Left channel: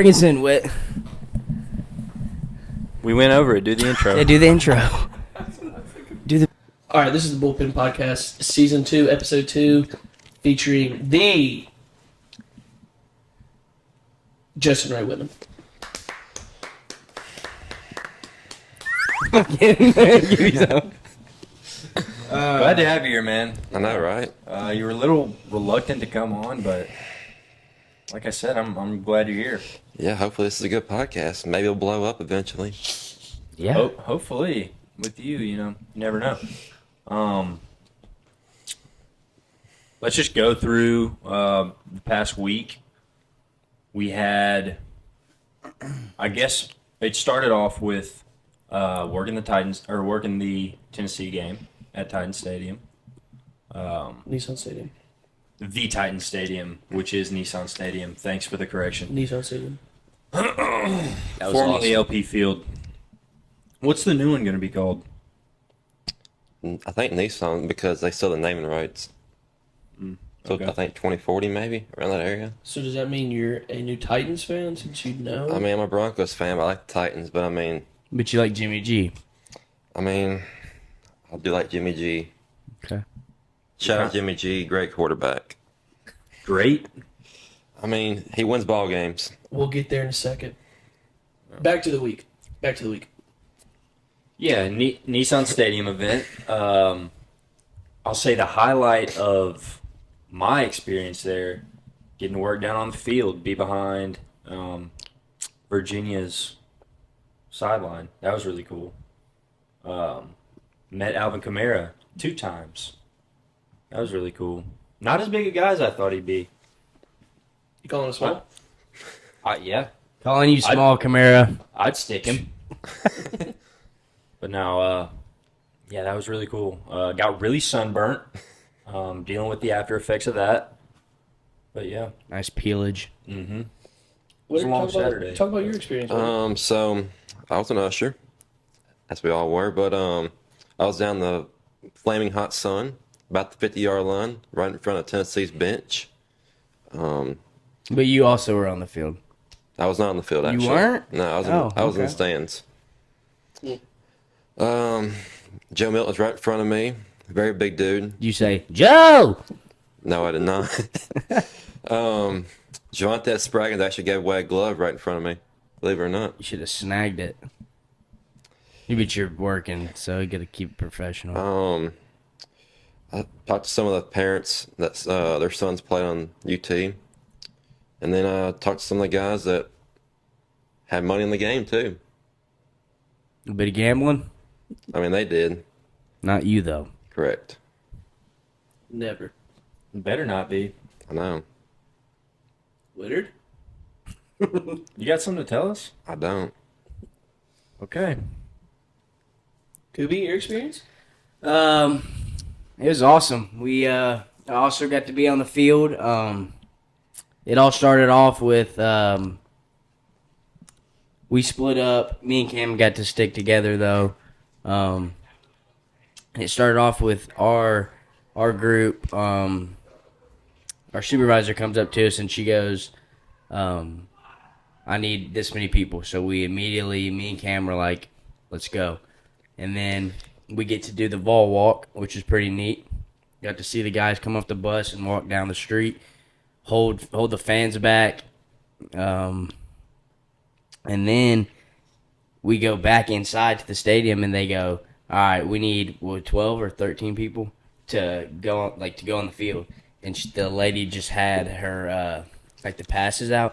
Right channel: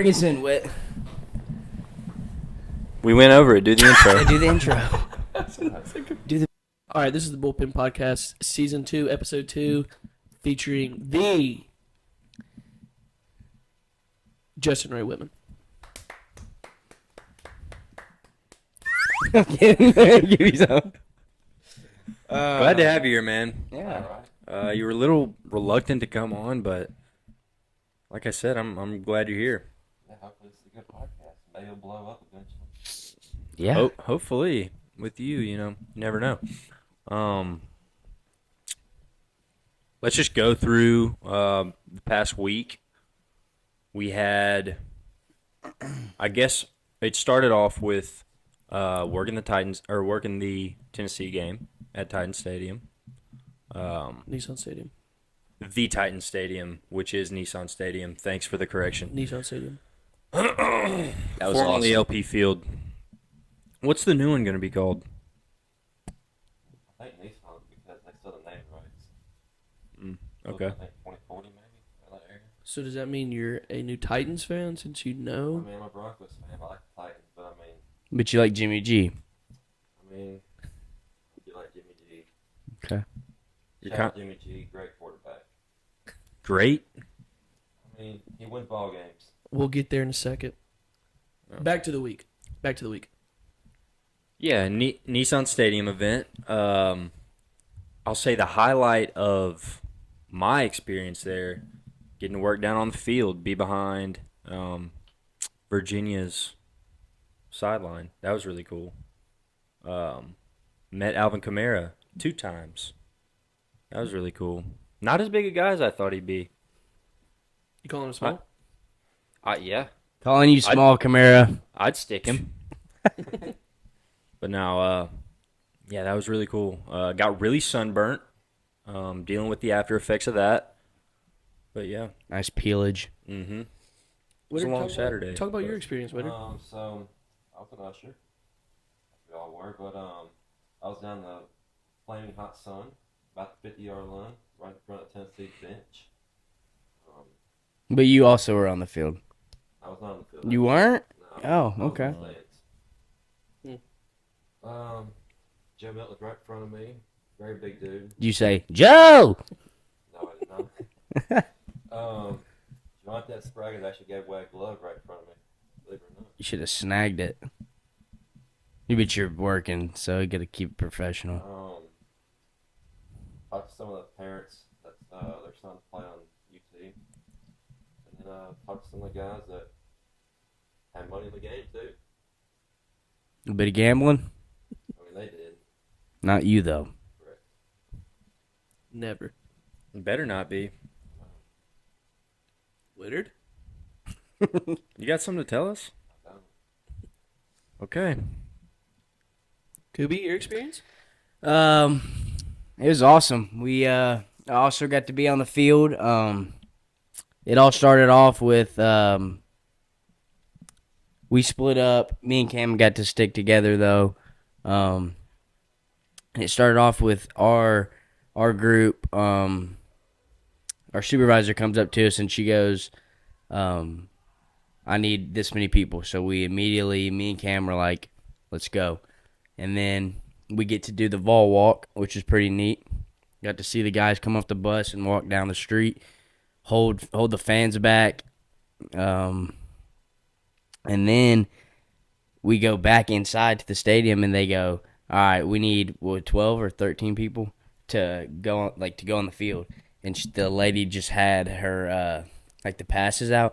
Bring us in, Whit. We went over it. Do the intro. Yeah, do the intro. All right, this is the Bullpen Podcast, Season 2, Episode 2, featuring the Justin Ray Whitman. Glad to have you here, man. I know, right? You were a little reluctant to come on, but like I said, I'm glad you're here. Yeah, hopefully this is a good podcast. Maybe it'll blow up eventually. Yeah. Hopefully with you, you never know. Let's just go through the past week. We had, I guess it started off with working the Tennessee game at Titan Stadium. Nissan Stadium. The Titan Stadium, which is Nissan Stadium. Thanks for the correction. Nissan Stadium. That was Formerly awesome. LP Field. What's the new one going to be called? I think Nissan, because they sell the naming rights. So okay. I think 2040 maybe, around that area. So does that mean you're a new Titans fan since you know? I mean, I'm a Broncos fan, but I like the Titans. But I mean, But you like Jimmy G. I do like Jimmy G. Okay. Shout out Jimmy G, great quarterback. Great. I mean, he wins ball games. We'll get there in a second. Back to the week. Yeah, Nissan Stadium event. I'll say the highlight of my experience there, getting to work down on the field, be behind Virginia's sideline. That was really cool. Met Alvin Kamara 2 times. That was really cool. Not as big a guy as I thought he'd be. You calling us small? Yeah, Calling you small, Camara. I'd stick him. But now, yeah, that was really cool. Got really sunburnt, dealing with the after effects of that. But yeah. Nice peelage. Mm-hmm. What a long Saturday. Talk about your experience. Whitman. So I was an usher, as we all were, but I was down the flaming hot sun, about the 50-yard line, right in front of Tennessee's bench. But you also were on the field. I was not on the field, actually. You weren't? No, I was in okay. the stands. Joe Milton's right in front of me. Very big dude. You say, Joe! No, I did not. Javonte Spraggins actually gave away a glove right in front of me. Believe it or not. You should have snagged it. But you're working, so you got to keep it professional. I talked to some of the parents that their sons played on UT. And then I talked to some of the guys that had money in the game, too. A bit of gambling? I mean, they did. Not you, though. Correct. Never. Better not be. I know. Willard? You got something to tell us? I don't. Okay. Kubi, your experience? It was awesome. We also got to be on the field. It all started off with we split up. Me and Cam got to stick together though. It started off with our group. Our supervisor comes up to us and she goes, I need this many people. So we immediately, me and Cam were like, let's go. And then we get to do the Vol Walk, which is pretty neat. Got to see the guys come off the bus and walk down the street, hold the fans back. And then we go back inside to the stadium and they go, all right, we need 12 or 13 people to go on the field. And the lady just had her the passes out.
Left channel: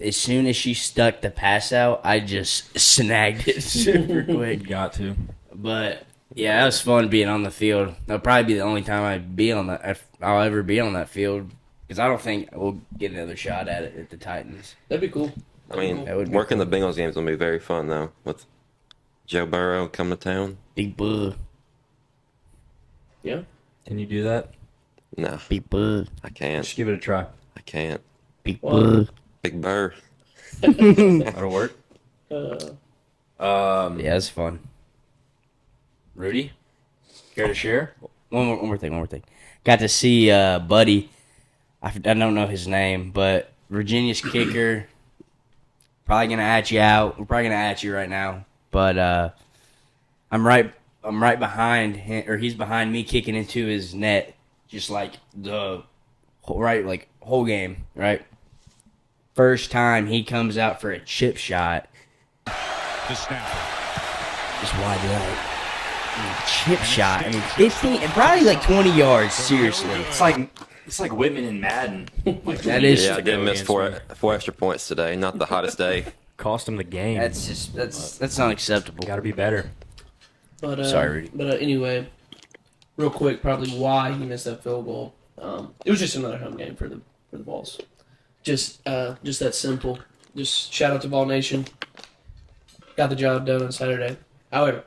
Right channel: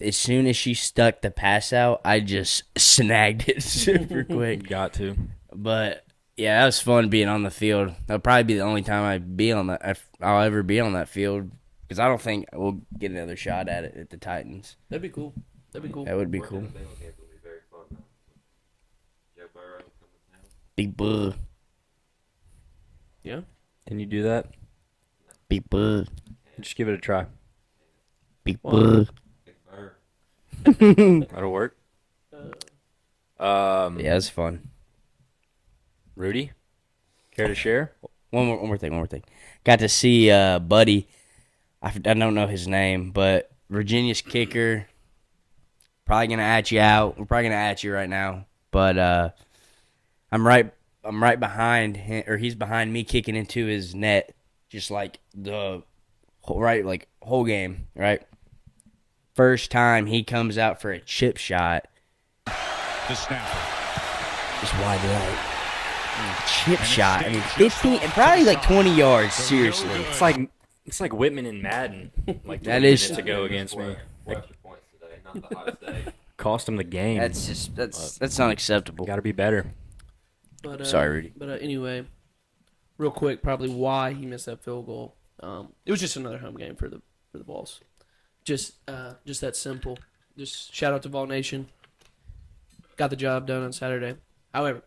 As soon as she stuck the pass out, I just snagged it super quick. Got to. But yeah, that was fun being on the field. That'll probably be the only time I'll ever be on that field because I don't think we'll get another shot at it at the Titans. That'd be cool. I mean, That would be working cool. the Bengals games will be very fun, though, with Joe Burrow coming to town. Big bug. Yeah. Can you do that? No, Big bug. I can't. Just give it a try. I can't. Big bug. Big Burr. That'll work. Yeah, it's fun. Rudy, care to share? One more thing. Got to see Buddy. I don't know his name, but Virginia's kicker. Probably gonna at you out. We're probably gonna at you right now, but I'm right behind him, or he's behind me, kicking into his net, just like the whole game. Right, first time he comes out for a chip shot, The snapper. just wide right. Chip shot. I mean, 15, probably like 20 yards. Seriously, It's like Whitman and Madden. Like That is- Yeah, to go missed against me. four extra points today. Not the hottest day. Cost him the game. that's not acceptable. Got to be better. But, Sorry, Rudy. But anyway, real quick, probably why he missed that field goal. It was just another home game for the Vols. Just that simple. Just shout out to Vol Nation. Got the job done on Saturday. However,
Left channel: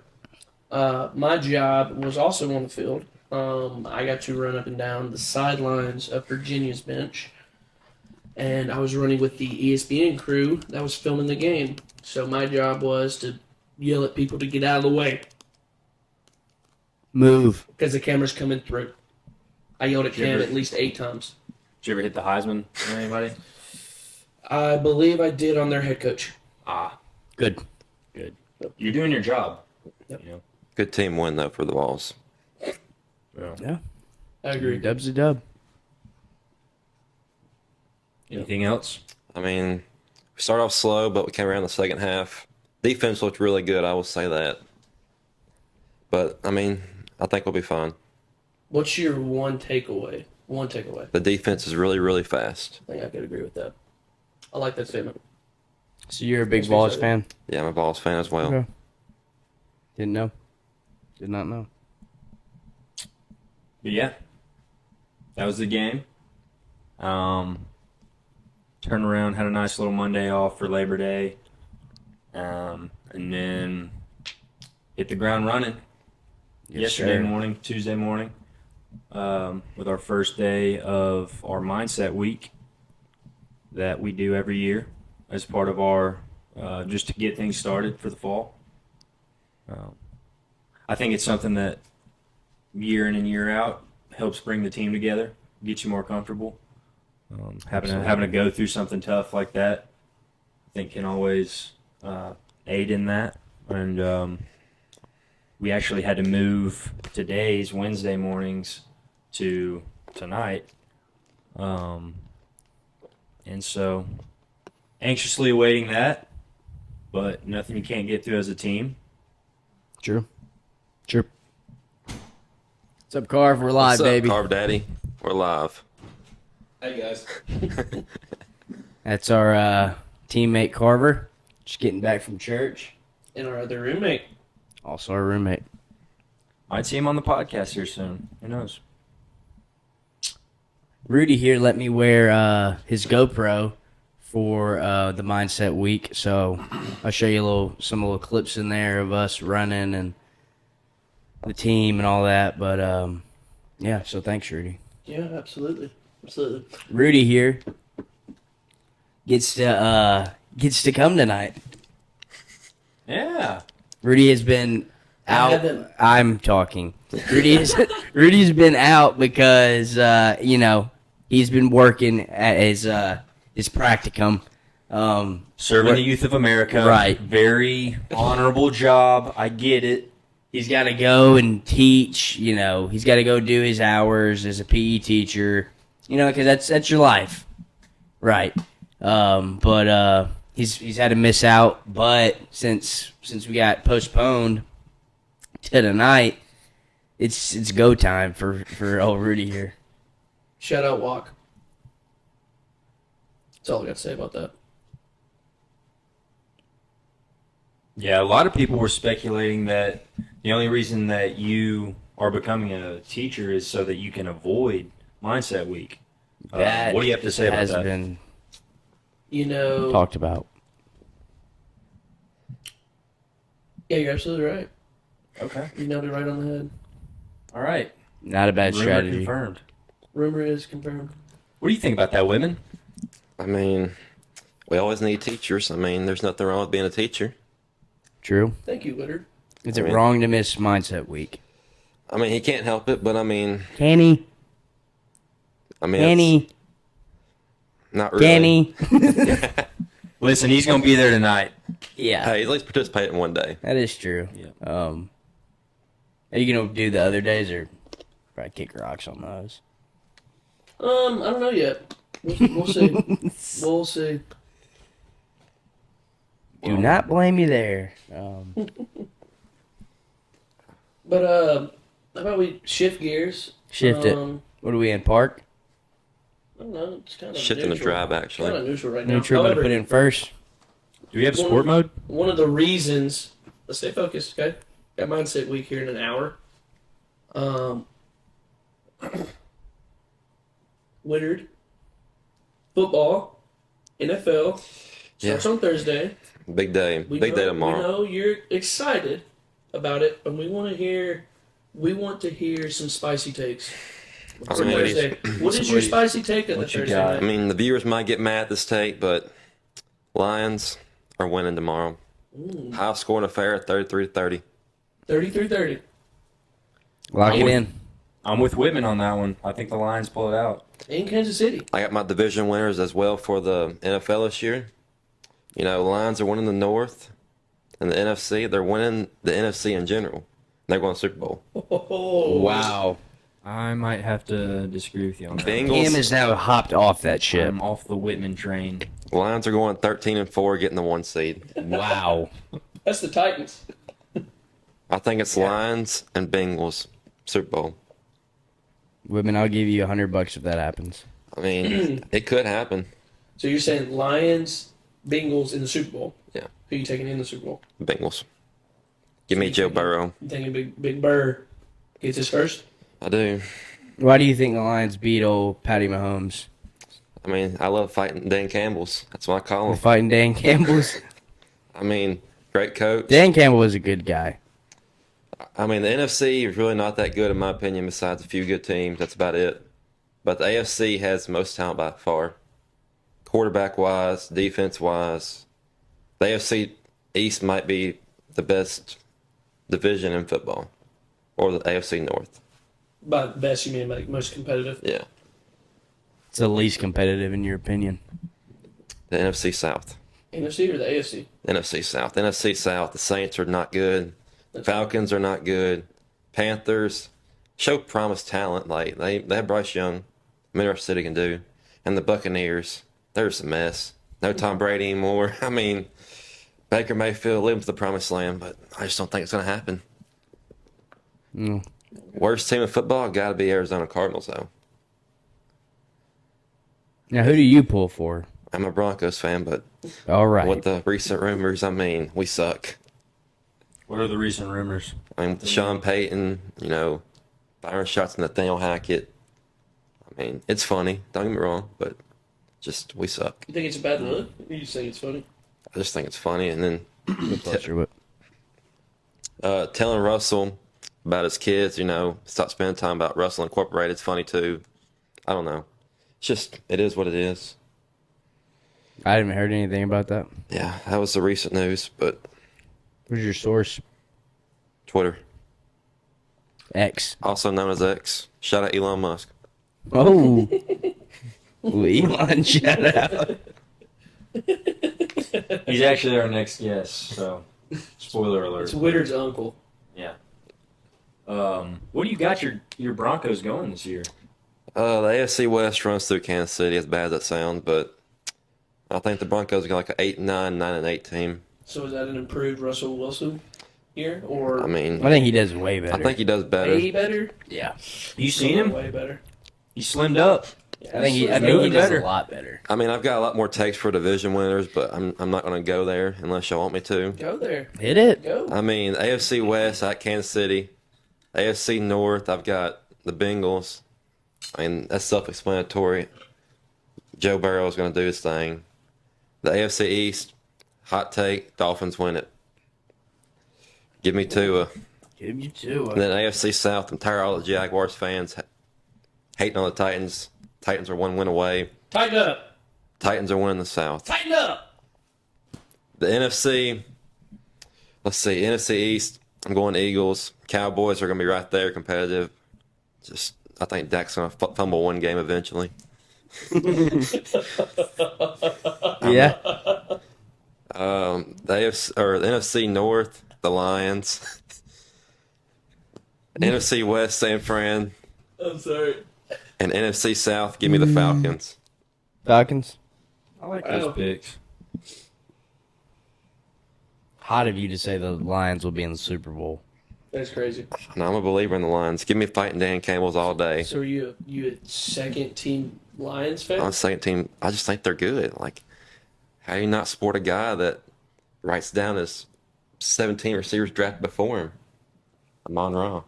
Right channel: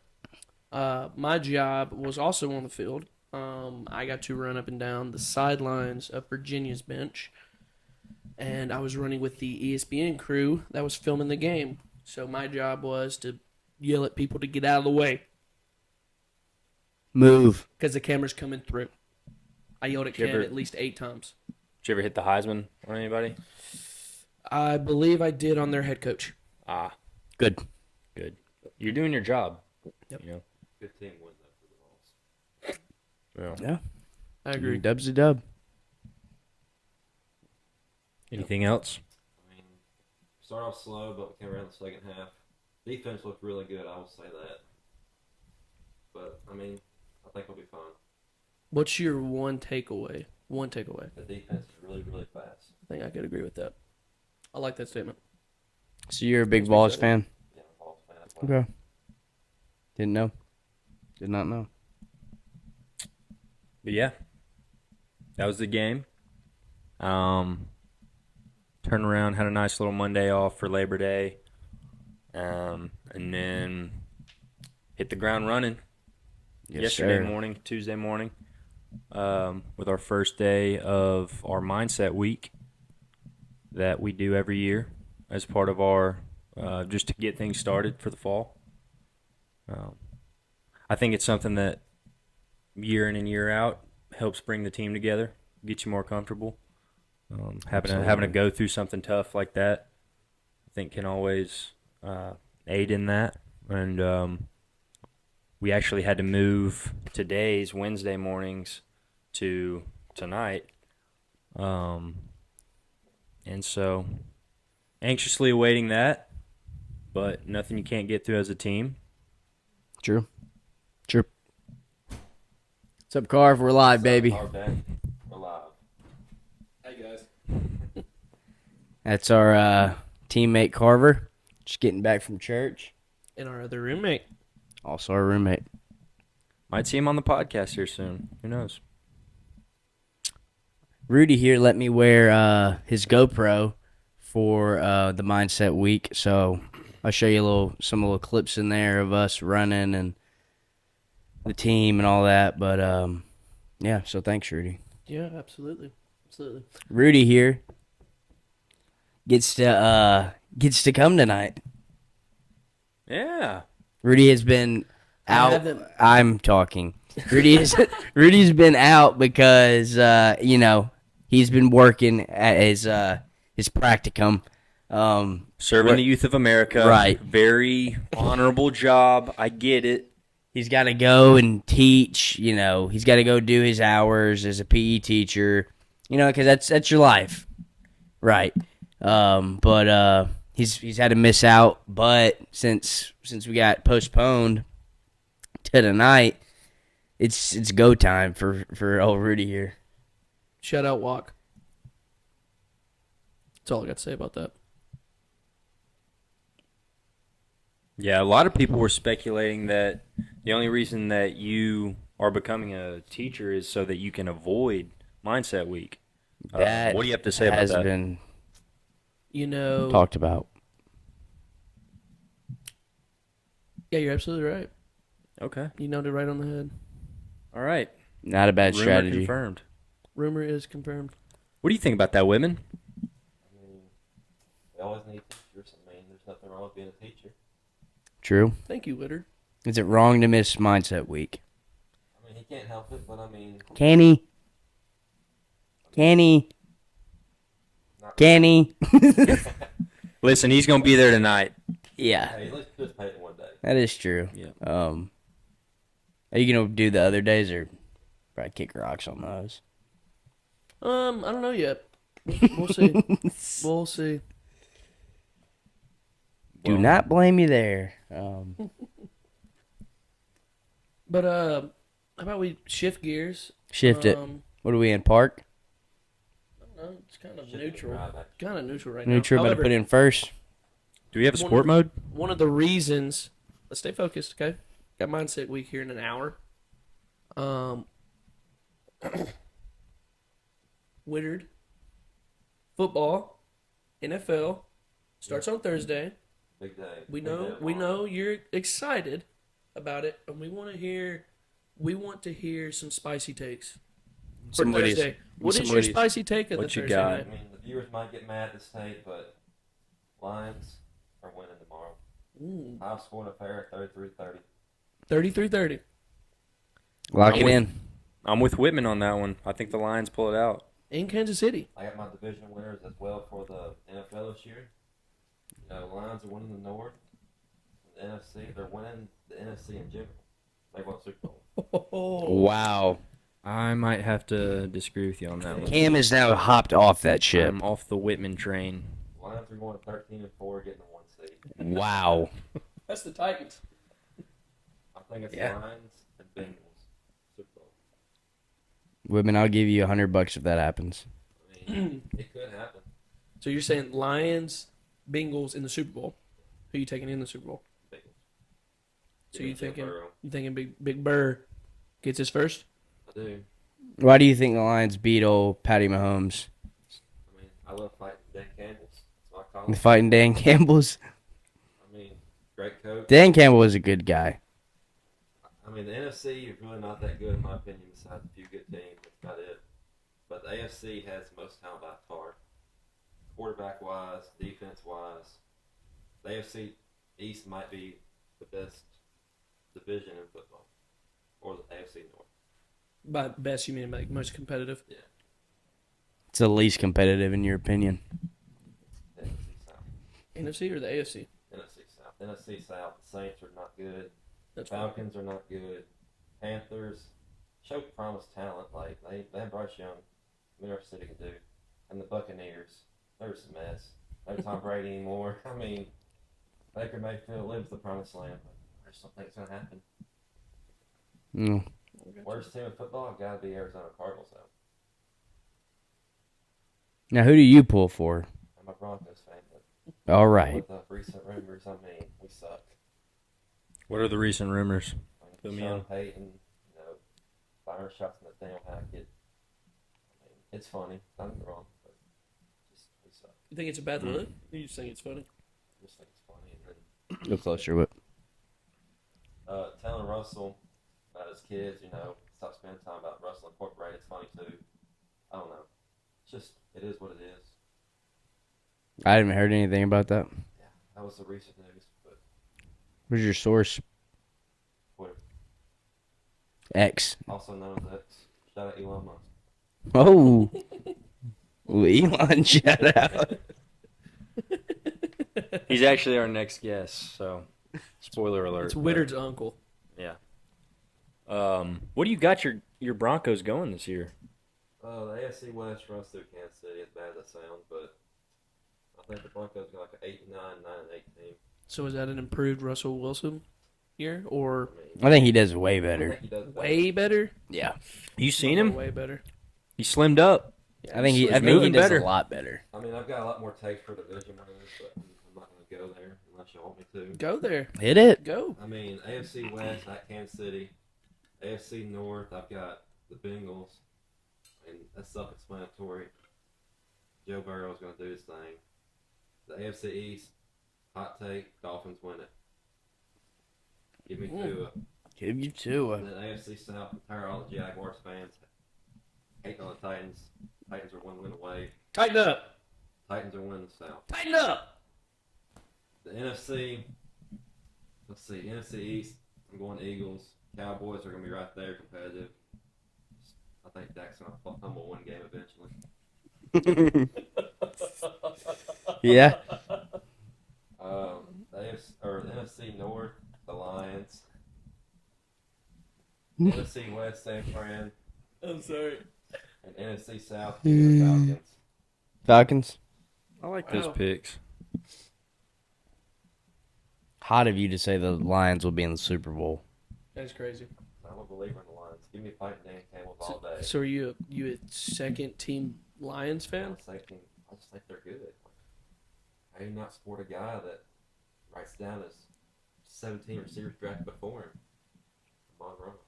my job was also on the field. I got to run up and down the sidelines of Virginia's bench, and I was running with the ESPN crew that was filming the game. So my job was to yell at people to get out of the way Move. because the camera's coming through. I yelled at Did you Cam ever- at least 8 times. Did you ever hit the Heisman on anybody? I believe I did on their head coach. Good. Good. You're doing your job. Yep. You know? Good team win though for the Vols. Yeah. I agree. Dub's a dub. Anything else? I mean, we started off slow, but we came around the second half. Defense looked really good, I will say that. But I mean, I think we'll be fine. What's your one takeaway? One takeaway. The defense is really, really fast. I think I could agree with that. I like that statement. So you're a big Makes me Vols excited. fan? Yeah, I'm a Vols fan as well. Okay. Didn't know. Did not know. But yeah, that was the game. Turned around, had a nice little Monday off for Labor Day, and then hit the ground running yesterday morning, Tuesday morning, with our first day of our mindset week that we do every year as part of our just to get things started for the fall. I think it's something that year in and year out helps bring the team together, get you more comfortable. Having to go through something tough like that, I think can always aid in that. And we actually had to move today's Wednesday mornings to tonight, and so anxiously awaiting that. But nothing you can't get through as a team. True. What's up, Carv? We're live, What's up, baby. Carv Daddy? We're live. Hey, guys. That's our teammate Carver, just getting back from church. And our other roommate. Also our roommate. Might see him on the podcast here soon. Who knows? Rudy here let me wear his GoPro for the Mindset Week, so I'll show you some little clips in there of us running and the team and all that. But yeah, so thanks, Rudy. Yeah, absolutely. Absolutely. Rudy here gets to come tonight. Yeah. Rudy has been out. haven't- I'm talking. Rudy's been out because he's been working at his practicum. Serving the youth of America. Right. Very honorable job. I get it. He's got to go and teach. He's got to go do his hours as a PE teacher. Because that's your life, right? But he's had to miss out. But since we got postponed to tonight, it's go time for old Rudy here. Shout out Walk. That's all I got to say about that. Yeah, a lot of people were speculating that the only reason that you are becoming a teacher is so that you can avoid Mindset Week. That what do you have to say about has that? been Talked talked about. Yeah, you're absolutely right. Okay. You nailed it right on the head. All right. Not a bad Rumor strategy. confirmed. Rumor is confirmed. What do you think about that, Whitman? I mean, we always need teachers. I mean, there's nothing wrong with being a teacher. True. Thank you, Witter. Is it wrong to miss Mindset Week? I mean, he can't help it, but I mean, Can he? I mean, Can he? it's not really. Can he? Listen, he's going to be there tonight. Yeah, Hey, at least participate in one day. that is true. Yeah. Are you gonna do the other days or probably kick rocks on those? I don't know yet. We'll see. We'll see. Do not blame you there. But how about we shift gears? Shift it. What are we in, park? I don't know. It's kind of Shifting the drive, actually. Kind of neutral right now. Neutral, but However, put in first. Do we have sport mode? one of the reasons. Let's stay focused, okay? Got mindset week here in an hour. Willard football, NFL starts on Thursday. Big day. We Big know, day tomorrow. We know you're excited about it, and we want to hear. We want to hear some spicy takes for Some Witties. Thursday. What is your spicy take on the What you Thursday got? night? I mean, the viewers might get mad at this take, but Lions are winning tomorrow. High scoring affair, 33-30. 33-30. Lock I'm it with- in. I'm with Whitman on that one. I think the Lions pull it out. In Kansas City. I got my division winners as well for the NFL this year. You know, Lions are winning the North and the NFC. They're winning the NFC in general. They're going to the Super Bowl. Wow. I might have to disagree with you on that. Bengals. Cam is now hopped off that ship. I'm off the Whitman train. Lions are going 13-4, getting the 1 seed. Wow. That's the Titans. I think it's Lions and Bengals Super Bowl. Women, I'll give you $100 if that happens. I mean, it could happen. So you're saying Lions, Bengals in the Super Bowl? Yeah. Who are you taking in the Super Bowl? Bengals. Give So me you Joe thinking- Burrow. You thinking Big Burr gets his first? I do. Why do you think the Lions beat old Patty Mahomes? I mean, I love fighting Dan Campbell's. That's what I call We're him. fighting Dan Campbell's. I mean, great coach. Dan Campbell was a good guy. I mean, the NFC is really not that good, in my opinion, besides a few good teams. That's about it. But the AFC has the most talent by far. Quarterback-wise, defense-wise. The AFC East might be the best division in football. Or the AFC North. By the best, you mean like most competitive? Yeah. It's the least competitive in your opinion. The NFC South. NFC or the AFC? NFC South. NFC South, the Saints are not good. Falcons are not good. Panthers show promised talent. Like they have Bryce Young. I'm interested he can do. And the Buccaneers, they're just a mess. No Tom Brady anymore. I mean, Baker Mayfield lives the promised land, but I just don't think it's going to happen. Mm. Worst team in football got to be Arizona Cardinals, though. Now, who do you pull for? I'm a Broncos fan, but All right. with the recent rumors, I mean, we suck. What are the recent rumors? I mean, with Sean Payton, you know, Byron Schatz and Nathaniel Hackett. I mean, it's funny. Don't get me wrong, but just we suck. You think it's a bad look? You just think it's funny? I just think it's funny. And then Go closer, Whip. telling Russell about his kids, you know, stop spending time about Russell Incorporated. It's funny too. I don't know. It's just, it is what it is. I haven't heard anything about that. Yeah, that was the recent news, but Where's your source? Twitter, X. also known as X. Shout out Elon Musk. Oh. Ooh, Elon, shout out. He's actually our next guest, so spoiler alert. It's Whitter's uncle. Yeah. What do you got your Broncos going this year? The AFC West runs through Kansas City, as bad as that sounds, but I think the Broncos got like an 8-9, 9-8 team. So is that an improved Russell Wilson year, or I mean, I think he does way I better. think he does better. way better? Yeah. You seen him? Way better. He slimmed up. I think he moving does better. a lot better. I mean, I've got a lot more takes for division winners, but I'm not going to go there unless y'all want me to. Go there. Hit it. Go. I mean, AFC West, I got Kansas City. AFC North, I've got the Bengals. I mean, that's self-explanatory. Joe Burrow is going to do his thing. The AFC East, hot take, Dolphins win it. Give me Tua. Give you two. And then AFC South, I'm tired of all the Jaguars fans hating on the Titans. Titans are 1 win away. Tighten up. Titans are winning the South. Tighten up. The NFC, let's see, NFC East, I'm going Eagles. Cowboys are going to be right there, competitive. Just, I think Dak's going to fumble one game eventually. Yeah. The NFC North, the Lions. NFC West, San Fran. I'm sorry. And NFC South, give me the Falcons. Falcons. I like Wow. those picks. Hot of you to say the Lions will be in the Super Bowl. That's crazy. No, I'm a believer in the Lions. Give me fighting Dan Campbell's all day. So are you a second team Lions fan? On the second team, I just think they're good. Like, how do you not support a guy that writes down his 17 receivers drafted before him? Amon Ra.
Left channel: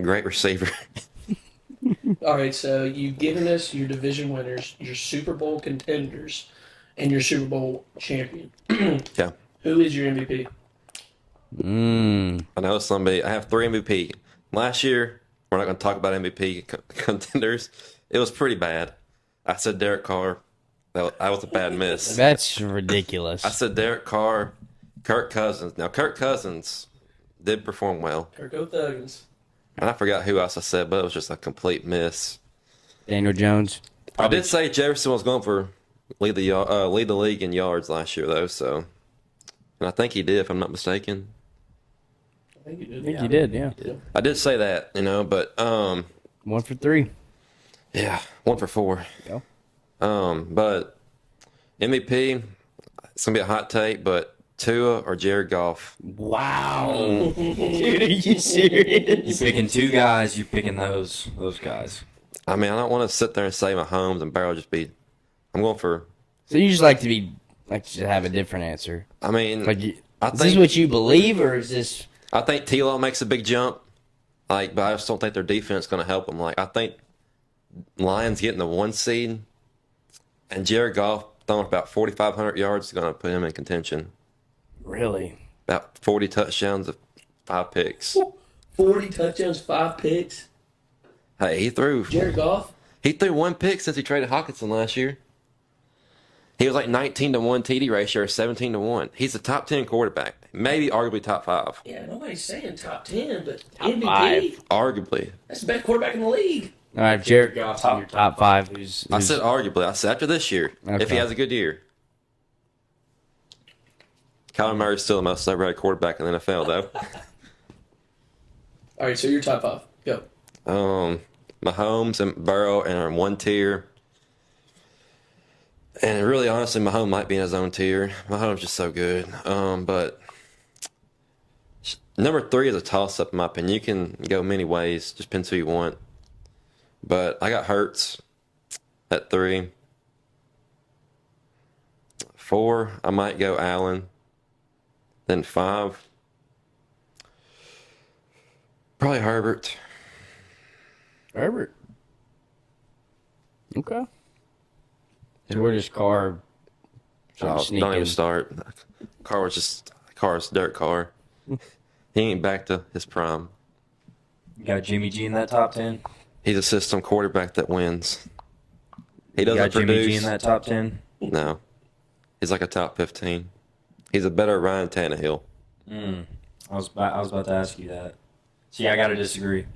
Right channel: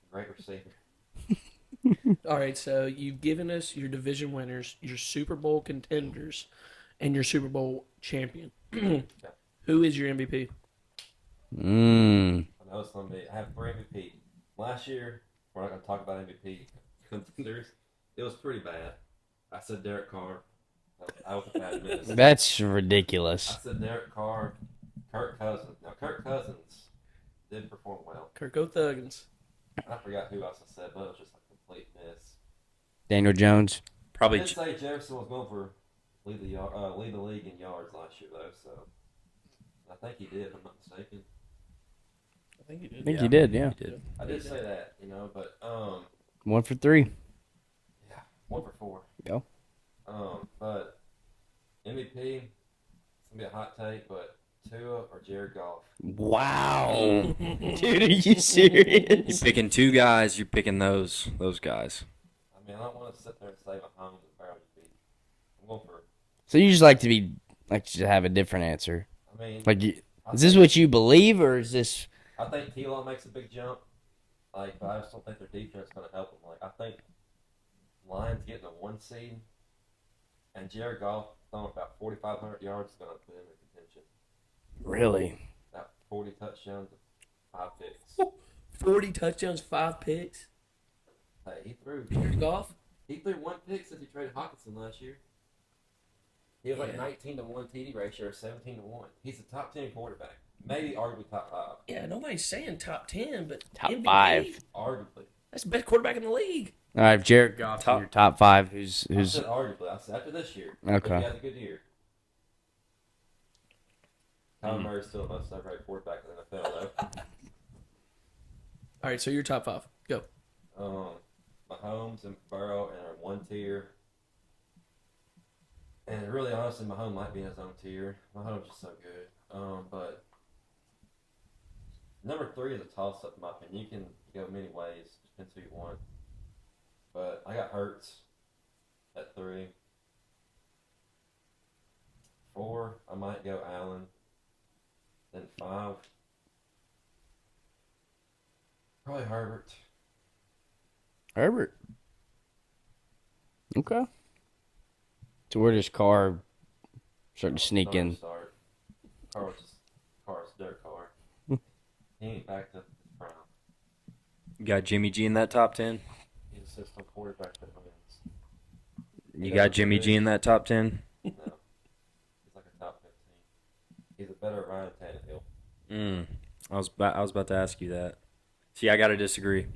Great receiver. All right, so you've given us your division winners, your Super Bowl contenders, and your Super Bowl champion. Yeah. Who is your MVP? I know somebody. I have 3 MVP. Last year, we're not going to talk about MVP contenders. It was pretty bad. I said Derek Carr. That was a bad miss. That's I ridiculous. said Derek Carr, Kirk Cousins. Now, Kirk Cousins did perform well. Kirko Thuggins. And I forgot who else I said, but it was just a complete miss. Daniel Jones. I did say Jefferson was going for lead the league in yards last year, though. So, and I think he did, if I'm not mistaken. I think you did. I think you did, yeah. I did say that, but 1 for 3. yeah, 1 for 4. Go. But MVP, it's gonna be a hot take, but Tua or Jared Goff. Wow. Dude, are you You're serious? picking 2 guys. You're picking those guys. I mean, I don't want to sit there and say Mahomes and Barrow just be. I'm going for. So you just like to have a different answer. I mean, Like, is I this think- what you believe, or is this? I think T-Law makes a big jump, but I just don't think their defense is going to help them. I think Lions getting the 1 seed, and Jared Goff throwing about 4,500 yards is going to put him in contention. Really? About 40 touchdowns, 5 picks. 40 touchdowns, 5 picks. Hey, he threw Jared Goff. 1 pick since he traded Hawkinson last year. He was like 19-1 TD ratio, or 17-1. He's a top 10 quarterback, maybe arguably top 5. Yeah, nobody's saying top 10, but Top MVP. 5. Arguably, That's the best quarterback in the league. All right, Jared Goff's in your top 5. Who's I said arguably. I said after this year, if Okay. he has a good year. Kyler Murray's still the most overrated quarterback in the NFL, though. All right, so your top 5. Go. Mahomes and Burrow are in 1 tier. And really, honestly, Mahomes might be in his own tier. Mahomes just so good. But number 3 is a toss-up, in my opinion. You can go many ways. Just depends who you want. But I got Hurts at 3. 4, I might go Allen. Then 5, probably Herbert. Herbert. Okay. So where does Carr sort of sneak Don't even in? start. Carr's Derek Carr. He ain't back to his prime. You got Jimmy G in that top 10. He's a system quarterback that wins. He You doesn't got Jimmy G produce. in that top 10. No. He's like a top 15. He's a better Ryan Tannehill. I was about to ask you that. See, I got to disagree.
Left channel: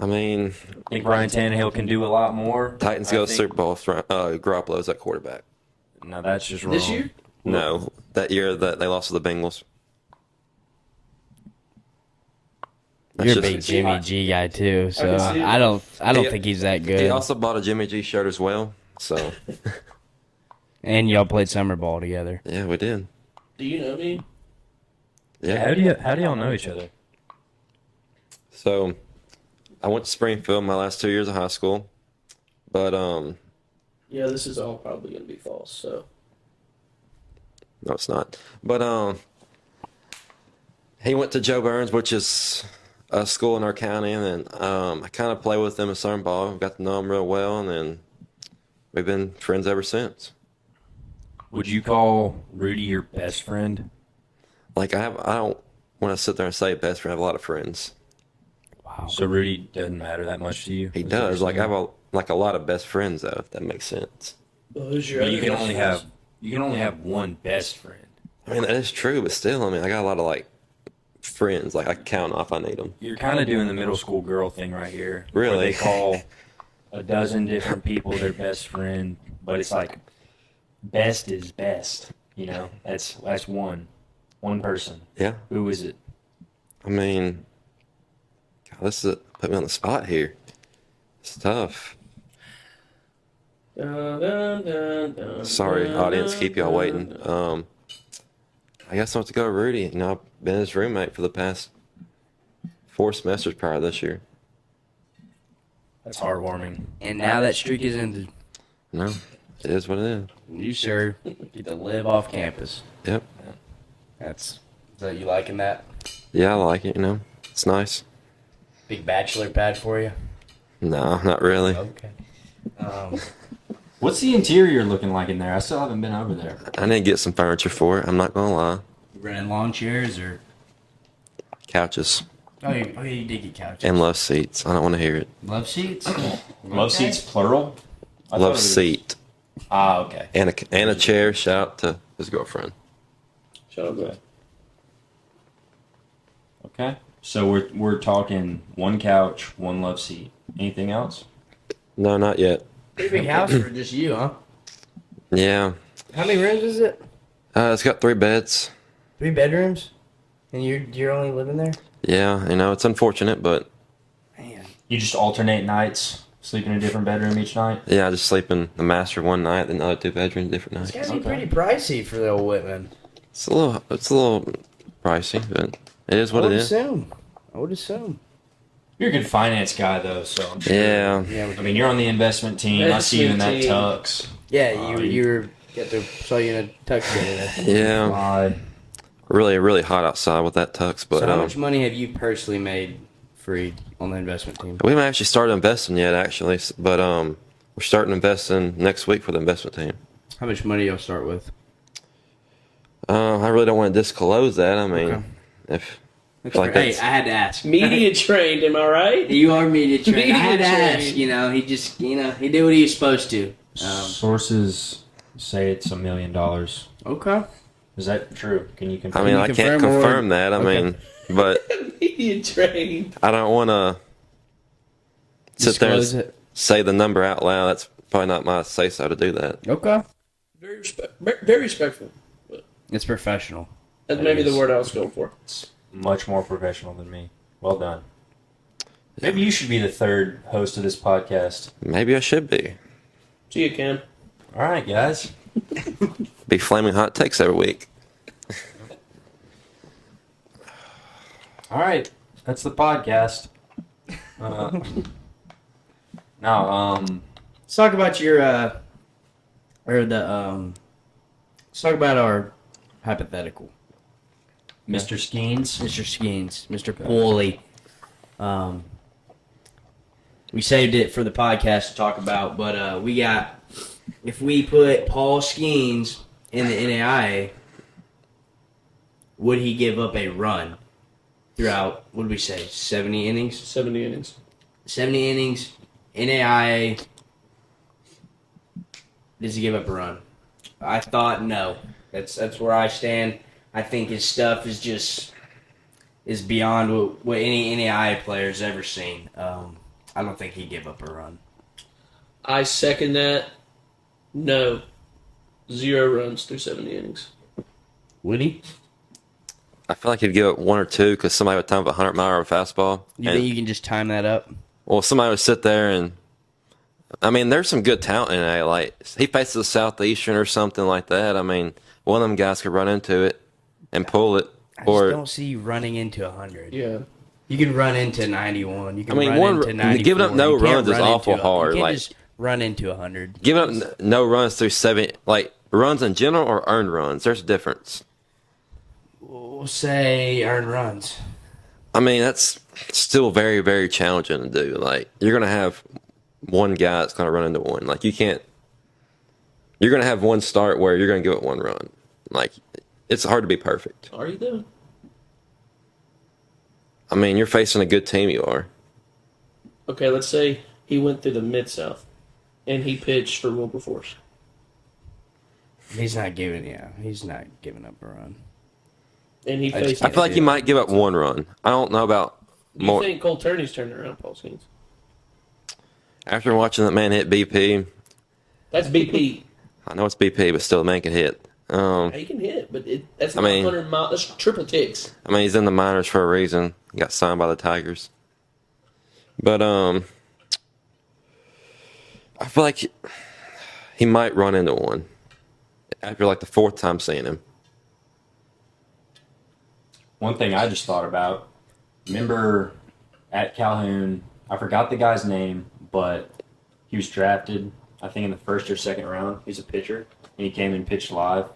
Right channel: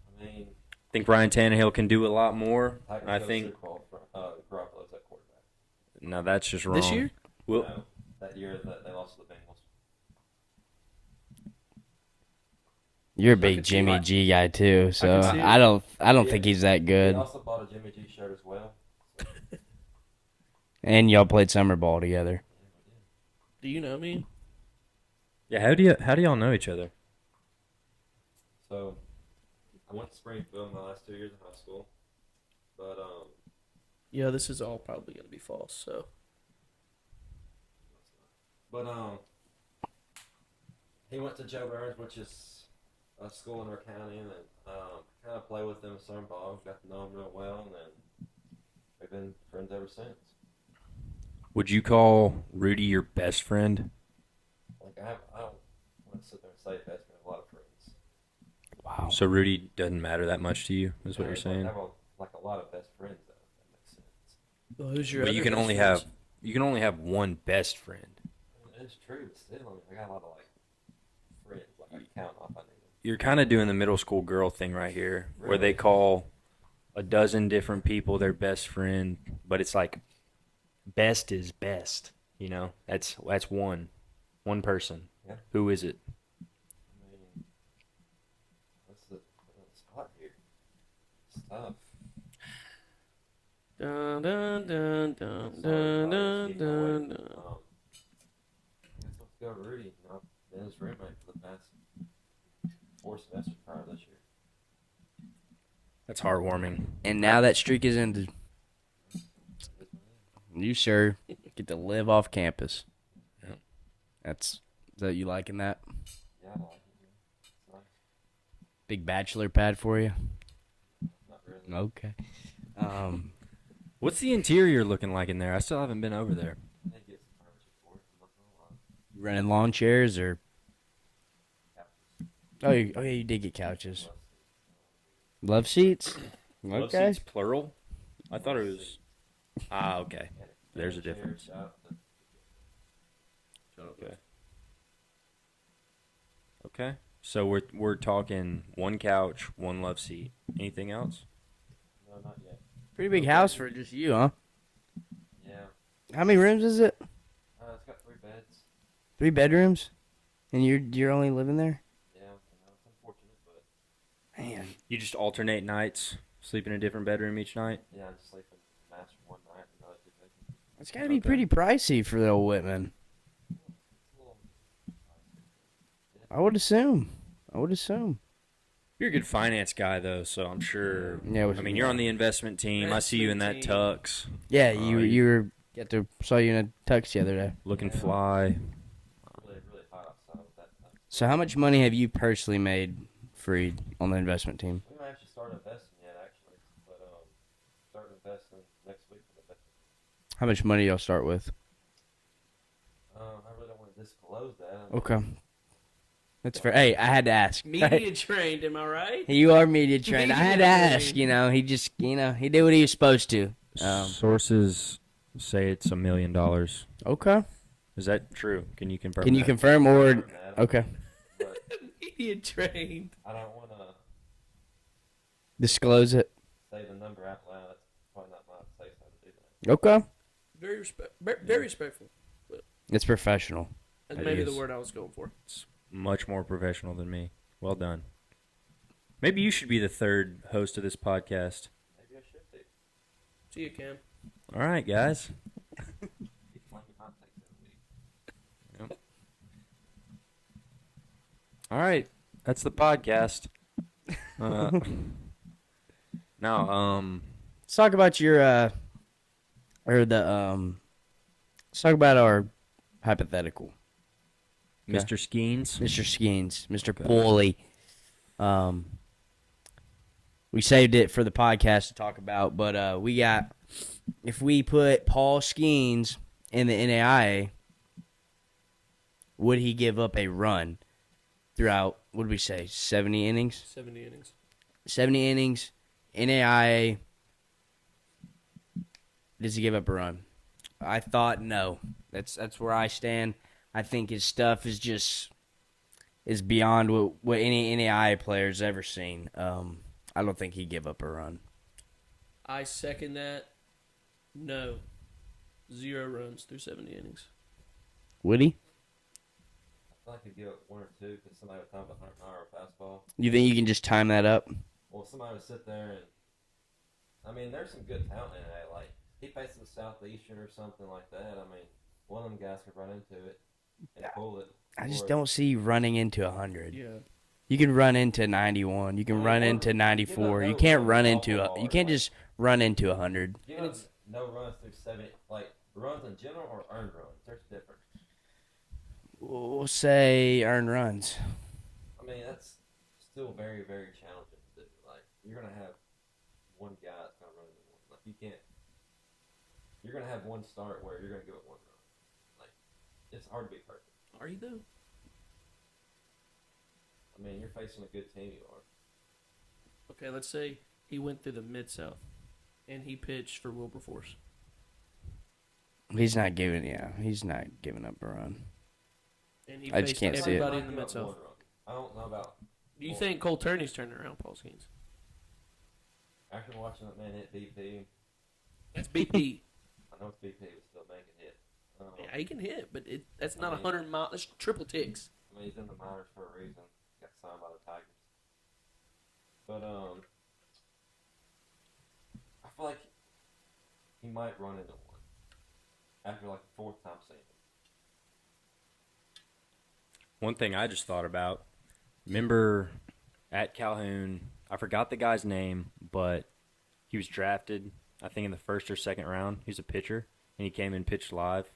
I mean, I think Ryan Tannehill can do a lot more. Titans I go to think- Super Bowl. Garoppolo's at quarterback. No, that's just wrong. This year? No, that year that they lost to the Bengals. You're a That's big just- Jimmy G guy too, so see it. I don't He- think he's that He good. also bought a Jimmy G shirt as well. So, And y'all played summer ball together. yeah, we did. Do you know me? Yeah, how do y'all know each other? So, I went to Springfield my last 2 years of high school, but Yeah, this is all probably going to be false, so. no, it's not. But he went to Joe Burns, which is a school in our county, and then I kind of played with him at summer ball. Got to know him real well, and then we've been friends ever since. Would you call Rudy your best friend? Like I don't want to sit there and say best friend. I have a lot of friends. Wow. So Rudy doesn't matter that much to you? He Is that what does. you're Like I saying? have a lot of best friends though, if that makes sense. Well, who's your But other you can best only friends? have one best friend. I mean that is true, but still, I mean I got a lot of like friends. Like I can count off. I need them. You're kind of doing the middle school girl thing right here, where Really? they call a dozen different people, their best friend, but it's like best is best. You know, that's one person. Yeah. Who is it? I mean, God, this is put me on the spot here. It's tough. Sorry, audience, keep y'all waiting. I guess I'll have to go with Rudy. You know, I've been his roommate for the past 4 semesters prior to this year. That's heartwarming. And now that streak is ended. No, it is what it is. You, sir, get to live off campus. Yep. That's that you liking that? Yeah, I like it, you know. It's nice. Big bachelor pad for you? No, not really. Okay. What's the interior looking like in there? I still haven't been over there. I need to get some furniture for it. I'm not going to lie. Running lawn chairs or? Couches You did get couches. and love seats. I don't want to hear it. Love seats? Love Okay. seats, plural? I thought it Love was- seat. Ah, okay. And a chair. Shout out to his girlfriend. Shout out to Okay. So we're talking one couch, one love seat. Anything else? No, not yet. Pretty big house for just you, huh? Yeah. How many rooms is it? It's got 3 beds. 3 bedrooms? And you're only living there? Yeah, you know, it's unfortunate, but Man. You just alternate nights, sleep in a different bedroom each night? yeah, I just sleep in the master one night, then the other 2 bedrooms different nights. It's gotta be pretty pricey for the old Whitman. It's a little pricey, but it is I what would it is. assume. You're a good finance guy, though, so I'm sure. Yeah. Yeah, I mean, you're on the investment team. I see you in that Investment tux. yeah. You saw you in a tux the other day. Yeah. Fly. Really, really hot outside with that tux. But So how much money have you personally made, Freed, on the investment team? we haven't actually started investing yet, actually. But we're starting investing next week for the investment team. How much money y'all start with? I really don't want to disclose that. I mean, Okay. if That's like fair. Hey, that's- I had to ask. media trained, am I right? You are media trained. I had to Media ask. trained. You know, he just, he did what he was supposed to. Sources say it's $1 million. Okay. Is that true? Can you I confirm? mean, you I can't confirm or- confirm that. I Okay. mean, but Media trained. I don't want to Disclose it. say the number out loud. That's probably not my say so to do that. Okay. Very respectful. It's professional. That's It maybe is. the word I was going for. Much more professional than me. Well done. Maybe you should be the third host of this podcast. Maybe I should be. See you, Cam. All right, guys. Be flaming hot takes every week. All right, that's the podcast. Now, Let's talk about your, let's talk about our hypothetical. Mr. Skeens. Mr. Skeens, Mr. Pooley. We saved it for the podcast to talk about, but we got, if we put Paul Skeens in the NAIA, would he give up a run throughout, what did we say, 70 innings? 70 innings. 70 innings, NAIA, does he give up a run? I thought no. That's where I stand. I think his stuff is beyond what any NAIA player's ever seen. I don't think he'd give up a run. I second that. No. 0 runs through 70 innings. Would he? I feel like he'd give up 1 or 2 because somebody would time a 100-mile fastball. You And- think you can just time that up? Well, somebody would sit there and, I mean, there's some good talent in A. Like, he faces the Southeastern or something like that. I mean, one of them guys could run into it and pull it. I just don't see you running into 100. Yeah. You can run into 91. You can I mean, run one- into 94. giving up no you can't runs is run awful into hard, You can't like- just run into 100. Giving up no runs through 7, like, runs in general or earned runs. There's a difference. We'll say earned runs. I mean, that's still very, very challenging to do. Like, you're going to have one guy that's going to run into one. Like, you can't. You're going to have one start where you're going to give it 1 run. Like, it's hard to be perfect. Are you though? I mean, you're facing a good team, you are. Okay, let's say he went through the Mid-South and he pitched for Wilberforce. He's not giving up a run. And he I just faced. I feel like see he it. might give up 1 run. I don't know about Do you more. think Cole Turney's turned around Paul Skeens? After watching that man hit BP, That's BP. I know it's BP, but still, the man can hit. He can hit, but that's I not mean- 100 miles. That's triple ticks. I mean, he's in the minors for a reason. He got signed by the Tigers. But I feel like he might run into one after like the fourth time seeing him. One thing I just thought about, remember at Calhoun, I forgot the guy's name, but he was drafted, I think in the first or second round. He's a pitcher, and he came and pitched live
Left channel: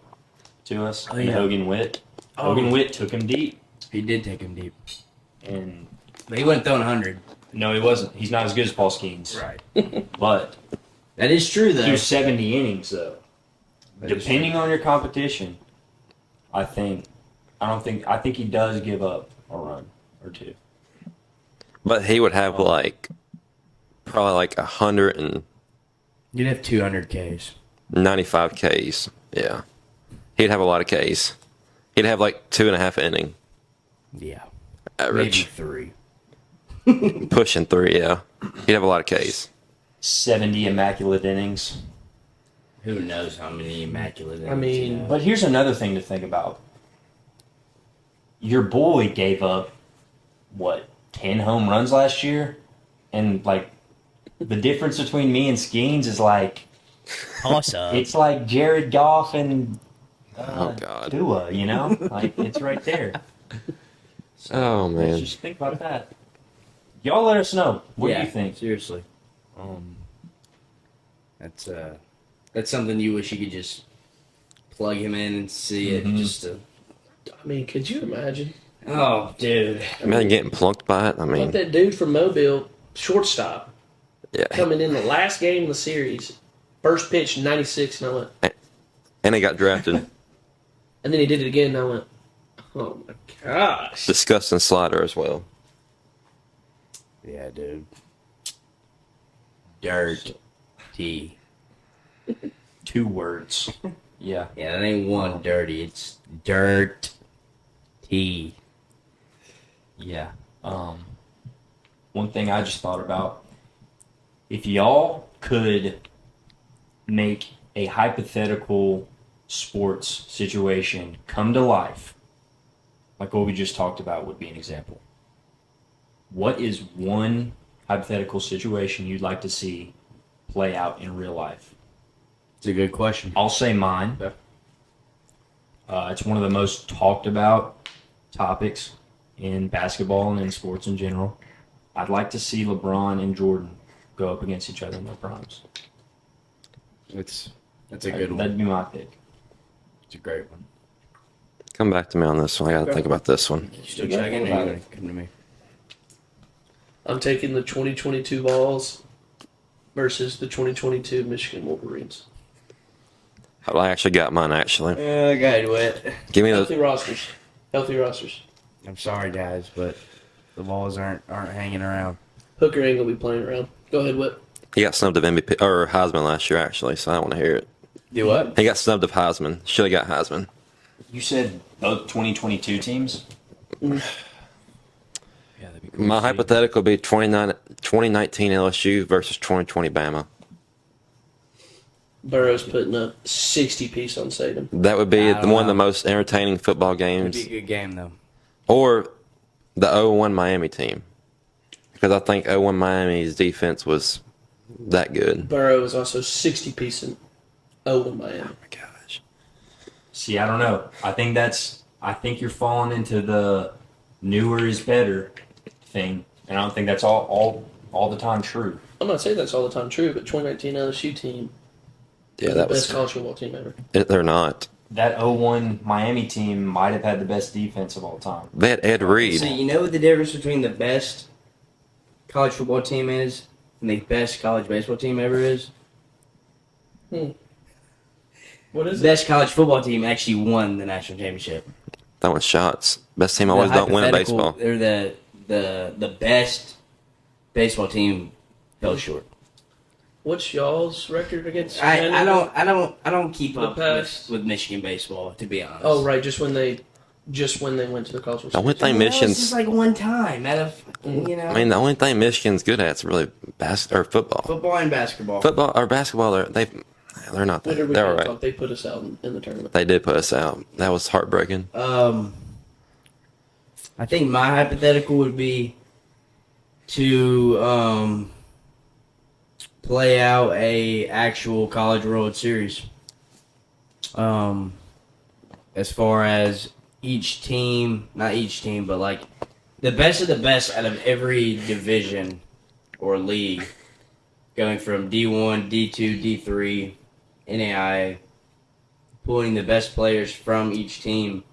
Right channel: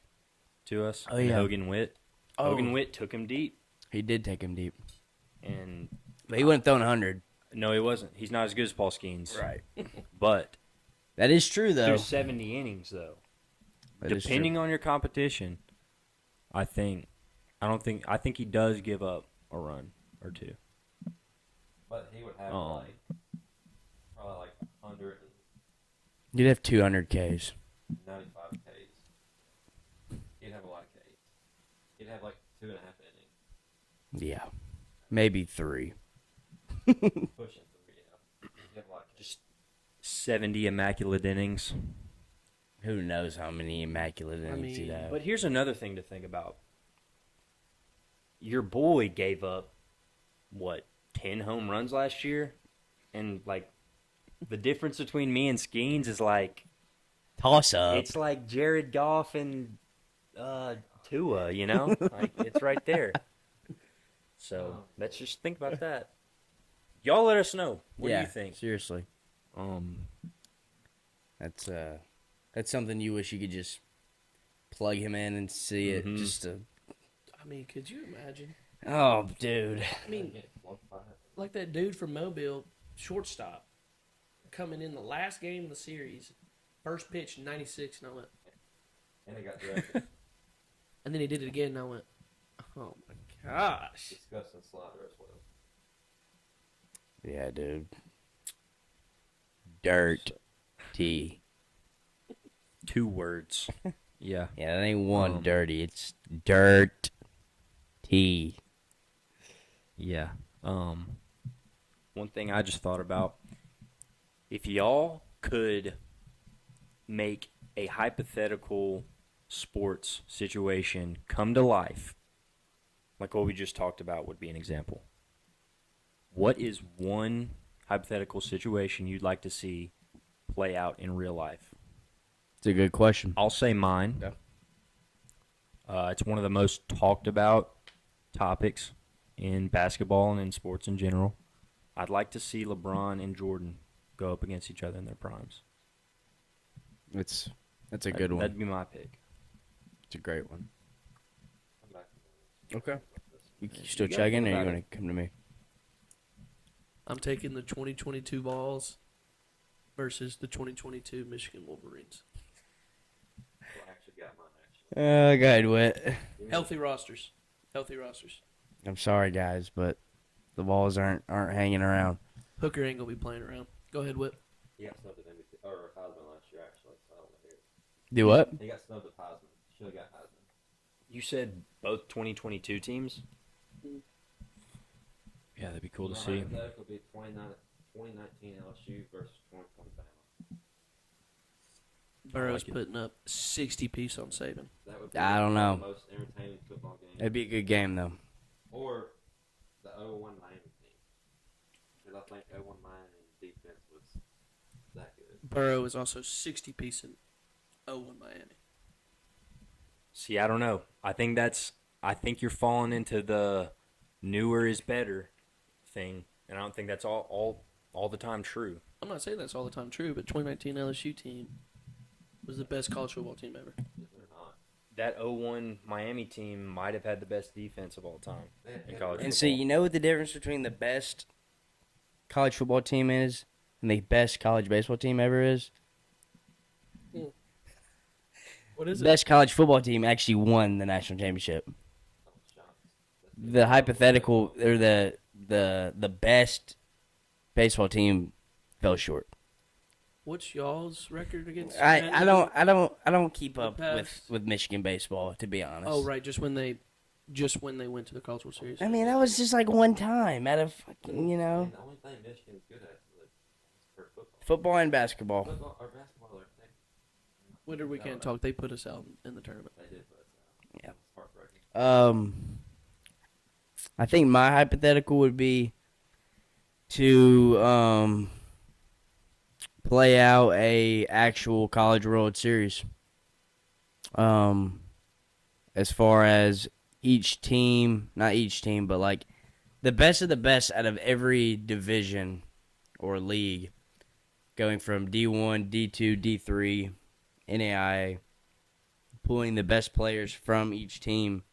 to us. Oh, yeah. Hogan Witt. Hogan Witt took him deep, He did take him deep. and But he wasn't throwing 100. no, he wasn't. He's not as good as Paul Skeens. Right. But That is true, though. through 70 innings, though. That is Depending on your competition, I think he does give up a run or two. But he would have like probably like 195 You'd have 200 Ks. Ks. Yeah. He'd have a lot of Ks. He'd have like 2.5 inning Yeah. average. Maybe 3. Pushing 3, yeah. He'd have a lot of Ks. 70 immaculate innings. Who knows how many immaculate innings mean, he'd have. But here's another thing to think about. Your boy gave up, 10 home runs last year? And, the difference between me and Skeens is, Toss up. it's like Jared Goff and Oh, God. Dua, you know? It's right there. So, Oh, man. Let's just think about that. Y'all let us know. What do you think? Seriously. That's something you wish you could just plug him in and see it just to. I mean, could you imagine? Oh, dude. Imagine getting plunked by it. I mean, Like that dude from Mobile, shortstop, yeah. coming in the last game of the series, first pitch 96, and I went, And he got drafted. and then he did it again, and I went, oh my gosh. Disgusting slider as well. Yeah, dude. Dirt. T. 2 words. Yeah. Yeah, that ain't one dirty. It's dirt. T. Yeah. One thing I just thought about, if y'all could make a hypothetical sports situation come to life, like what we just talked about would be an example. What is one hypothetical situation you'd like to see play out in real life? It's a good question. I'll say mine. Yeah. It's one of the most talked about topics in basketball and in sports in general. I'd like to see LeBron and Jordan go up against each other in their primes. That's a good one. That'd be my pick. It's a great one. Come back to me on this one. I got to think about this one. You still checking, or you going to come to me? I'm taking the 2022 Vols versus the 2022 Michigan Wolverines. I actually got mine, actually. Go ahead, Whit. Give me Healthy the. rosters. Healthy rosters. I'm sorry, guys, but the balls aren't hanging around. Hooker ain't gonna be playing around. Go ahead, Whip. He got snubbed of MVP or Heisman last year, actually, so I don't want to hear it. Do what? He got snubbed of Heisman. Should have got Heisman. You said both 2022 teams? Mm. Yeah, that'd be cool. My to see. hypothetical would be 2019 LSU versus 2020 Bama. Burrow's putting up 60 piece on Saban. That would be I one don't of the know. most entertaining football It'd games. be a good game, though. Or the 0-1 Miami team. Because I think 0-1 Miami's defense was that good. Burrow is also 60 piece in Miami. Oh my gosh. See, I don't know. I think you're falling into the newer is better thing, and I don't think that's all the time true. I'm not saying that's all the time true, but 2019 LSU team Yeah, is that the was. best college football team ever. They're not. That 0-1 Miami team might have had the best defense of all time. They had Ed Reed. See, you know what the difference between the best college football team is and the best college baseball team ever is? What is The it? best college football team actually won the national championship. That one's shots. Best team The always don't win hypothetical, baseball. or the best baseball team fell short. What's y'all's record against? I don't keep The up past- with Michigan baseball, to be honest. Oh, right, just when they just when they went to the college World The only Series. thing That was Michigan's, just like one time out of fucking, you know. I mean, the only thing Michigan's good at is really football. Football and basketball. Football or basketball, they're not Later that. we They're can all right. talk. They put us out in the tournament. They did put us out. That was heartbreaking. I think my hypothetical would be to play out a actual college World Series. As far as each team, not each team, but like the best of the best out of every division or league, going from D1, D2, D3, NAIA, pulling the best players from each team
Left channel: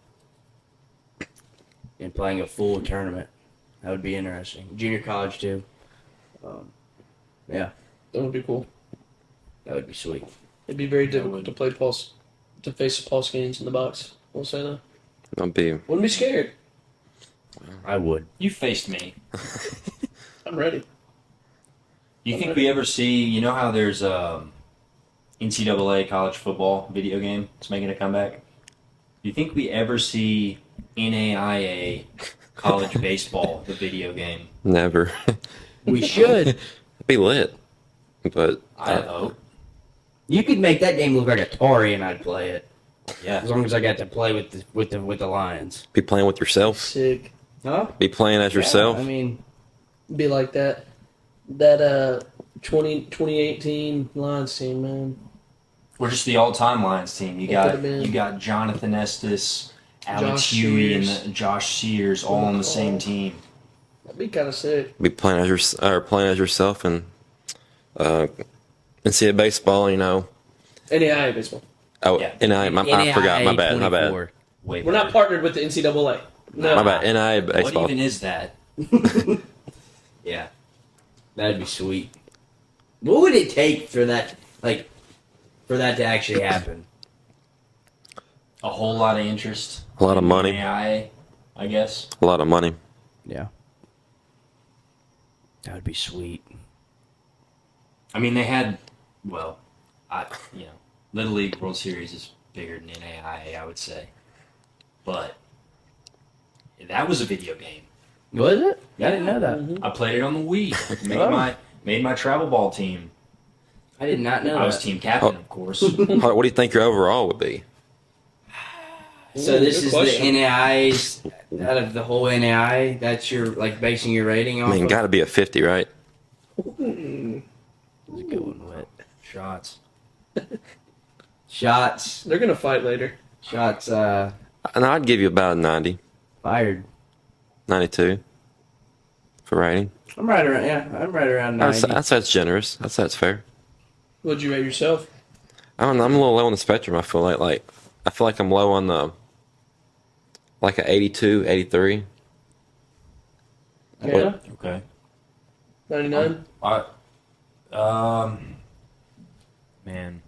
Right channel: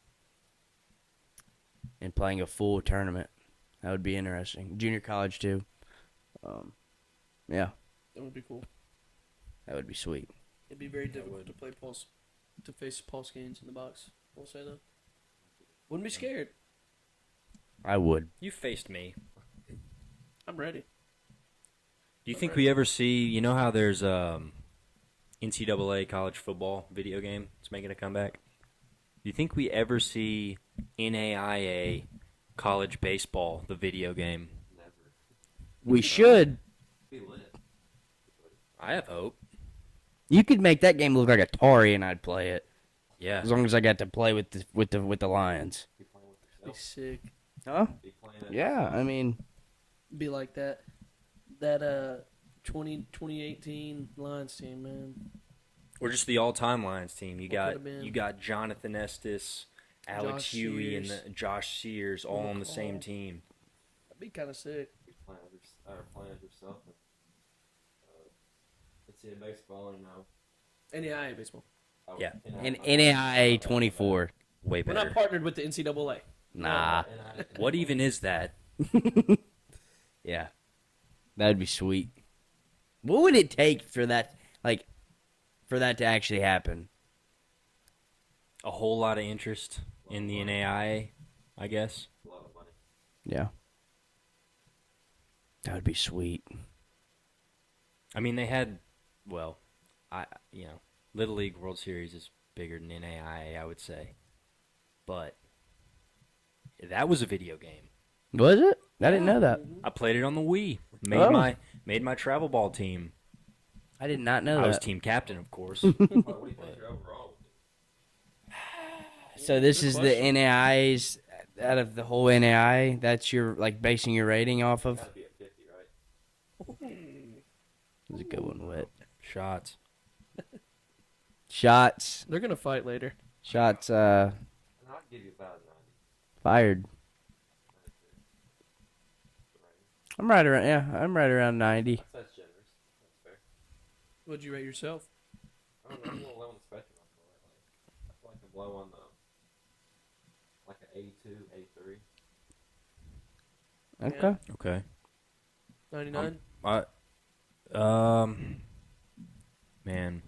and playing a full tournament. That would be interesting. Junior college too. Yeah, That would be cool. that would be sweet. It'd be very difficult to face Paul Skeens in the box. We'll say that. I'll be. Wouldn't be scared. I would. You faced me. I'm ready. You think we ever see? You know how there's NCAA college football video game? It's making a comeback. Do you think we ever see NAIA college baseball, the video game? Never. We should. It'd be lit. But I hope. You could make that game look like Atari, and I'd play it Yeah. as long as I got to play with the Lions. be playing with yourself. Sick. Huh? Be playing as yourself. Yeah, I mean, Be like that. That 2018 Lions team, man. We're just the all-time Lions team. You It got could've been. Jonathan Estes, Alex Josh Huey, and Sears. Josh Sears all on the same team. That'd be kind of sick. Be playing as yourself and NCAA baseball. You know. NAIA baseball. Oh, Yeah. I forgot. My bad. My bad. 24. Way We're better. not partnered with the NCAA. No. My bad. NIA baseball. What even is that? Yeah. That'd be sweet. What would it take for that, for that to actually happen? A whole lot of interest. A lot of in money. NAIA, I guess. A lot of money. Yeah. That would be sweet. I mean, they had, Little League World Series is bigger than NAIA, I would say. But that was a video game. Was it? I didn't know that. I played it on the Wii. Made my travel ball team. I did not know I was that. team captain, of course. What do you think your overall would be? So this Good is question. the NAIs out of the whole NAI. That's your basing your rating off I mean, of. got to be a 50, right? That's a good one, Wit. Shots. Shots. They're gonna fight later. Shots. And I'd give you about a 90, Fired. 92 for rating. I'm right around. Yeah, I'm right around 90. I'd say it's generous. I'd say it's fair. Would you rate yourself? I don't know. I'm a little low on the spectrum. I feel like I'm low on the like a 82, 83. Okay. Okay. 99. Man,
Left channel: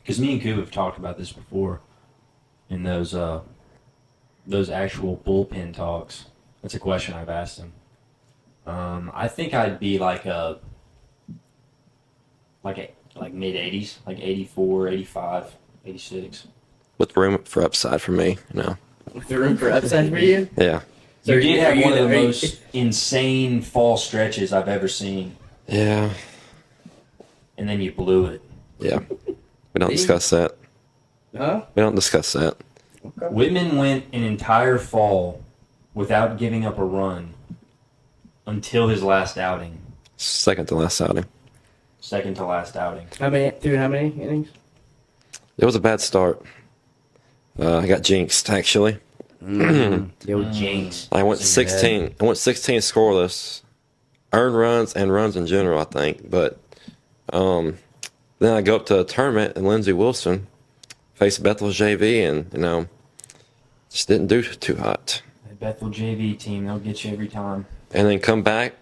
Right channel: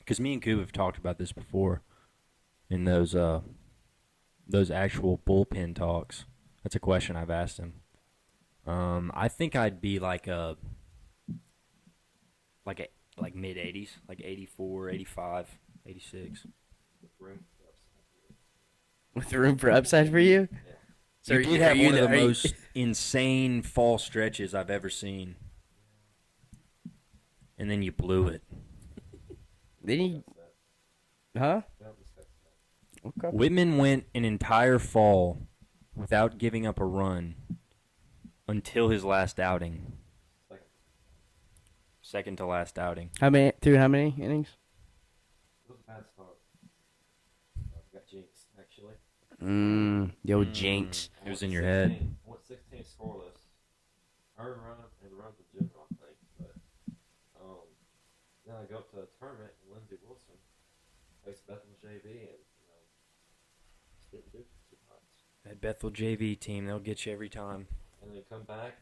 because me and Coop have talked about this before in those actual bullpen talks. That's a question I've asked him. I think I'd be like mid 80s, like 84, 85, 86. With room for upside for me, you know. With the room for upside for you. Yeah. So You are did are have one of the are you- most insane fall stretches I've ever seen, Yeah. and then you blew it. Yeah. We don't Did he? discuss that. Huh? We don't discuss that. Whitman went an entire fall without giving up a run until his last outing, Second to last outing. second to last outing. How many innings? It was a bad start. I got jinxed actually. Yo, Jinx. I went It's in your 16. I went 16 scoreless, earned runs and runs in general. I think, but then I go up to a tournament and Lindsey Wilson faced Bethel's JV, and just didn't do too hot. That Bethel JV team, they'll get you every time. And then come back,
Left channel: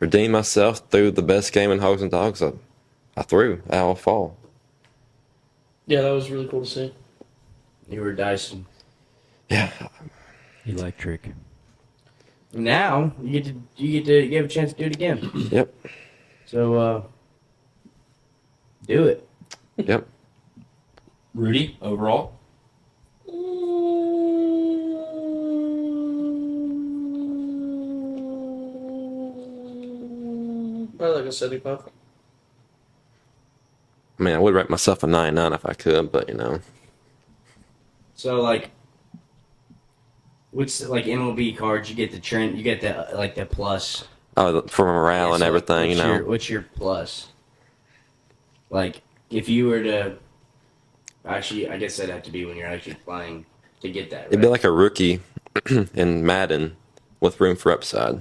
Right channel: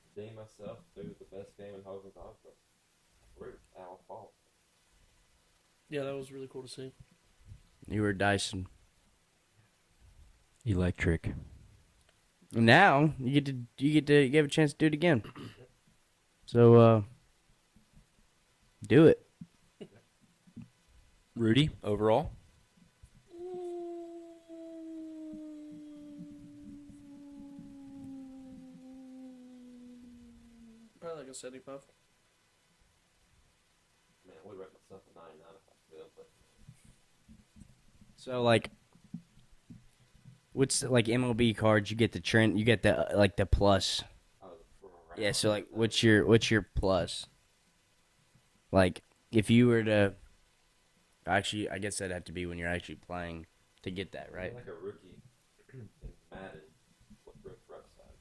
redeem myself through the best game in Hogs and Dogs I threw all fall. Yeah, that was really cool to see. You were Dyson. Yeah, Electric. Now you have a chance to do it again. yep, So do it. yep. Rudy, overall? -75. I mean, I would rate myself a 99 if I could, but So like, what's like MLB cards? You get the trend. You get the like the plus. For morale Yeah, and so, like, everything, what's your plus? Like, if you were to, actually, I guess that'd have to be when you're actually playing to get that. It'd be right? like a rookie in Madden with room for upside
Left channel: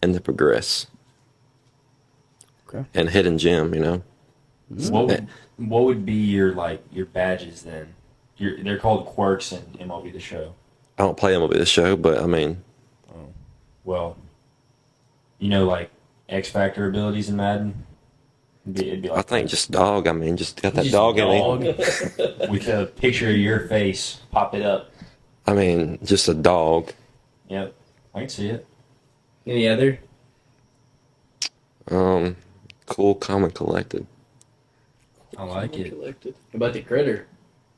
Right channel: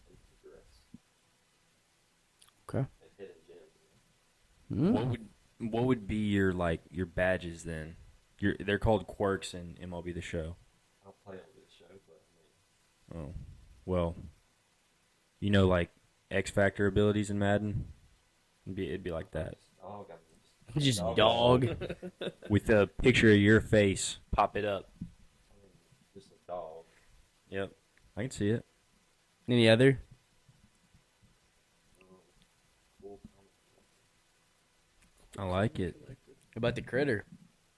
and to progress. Okay. And hidden gem. What would be your badges then? They're called quirks in MLB The Show. I don't play MLB The Show, but I mean, Well, like X Factor abilities in Madden. It'd be like I think that. just dog. I mean, just got that Just dog in me. dog. With a picture of your face, pop it up. I mean, just a dog. Yep, I can see it. Any other? Cool, calm, and collected. I like it. Collected. What about the critter?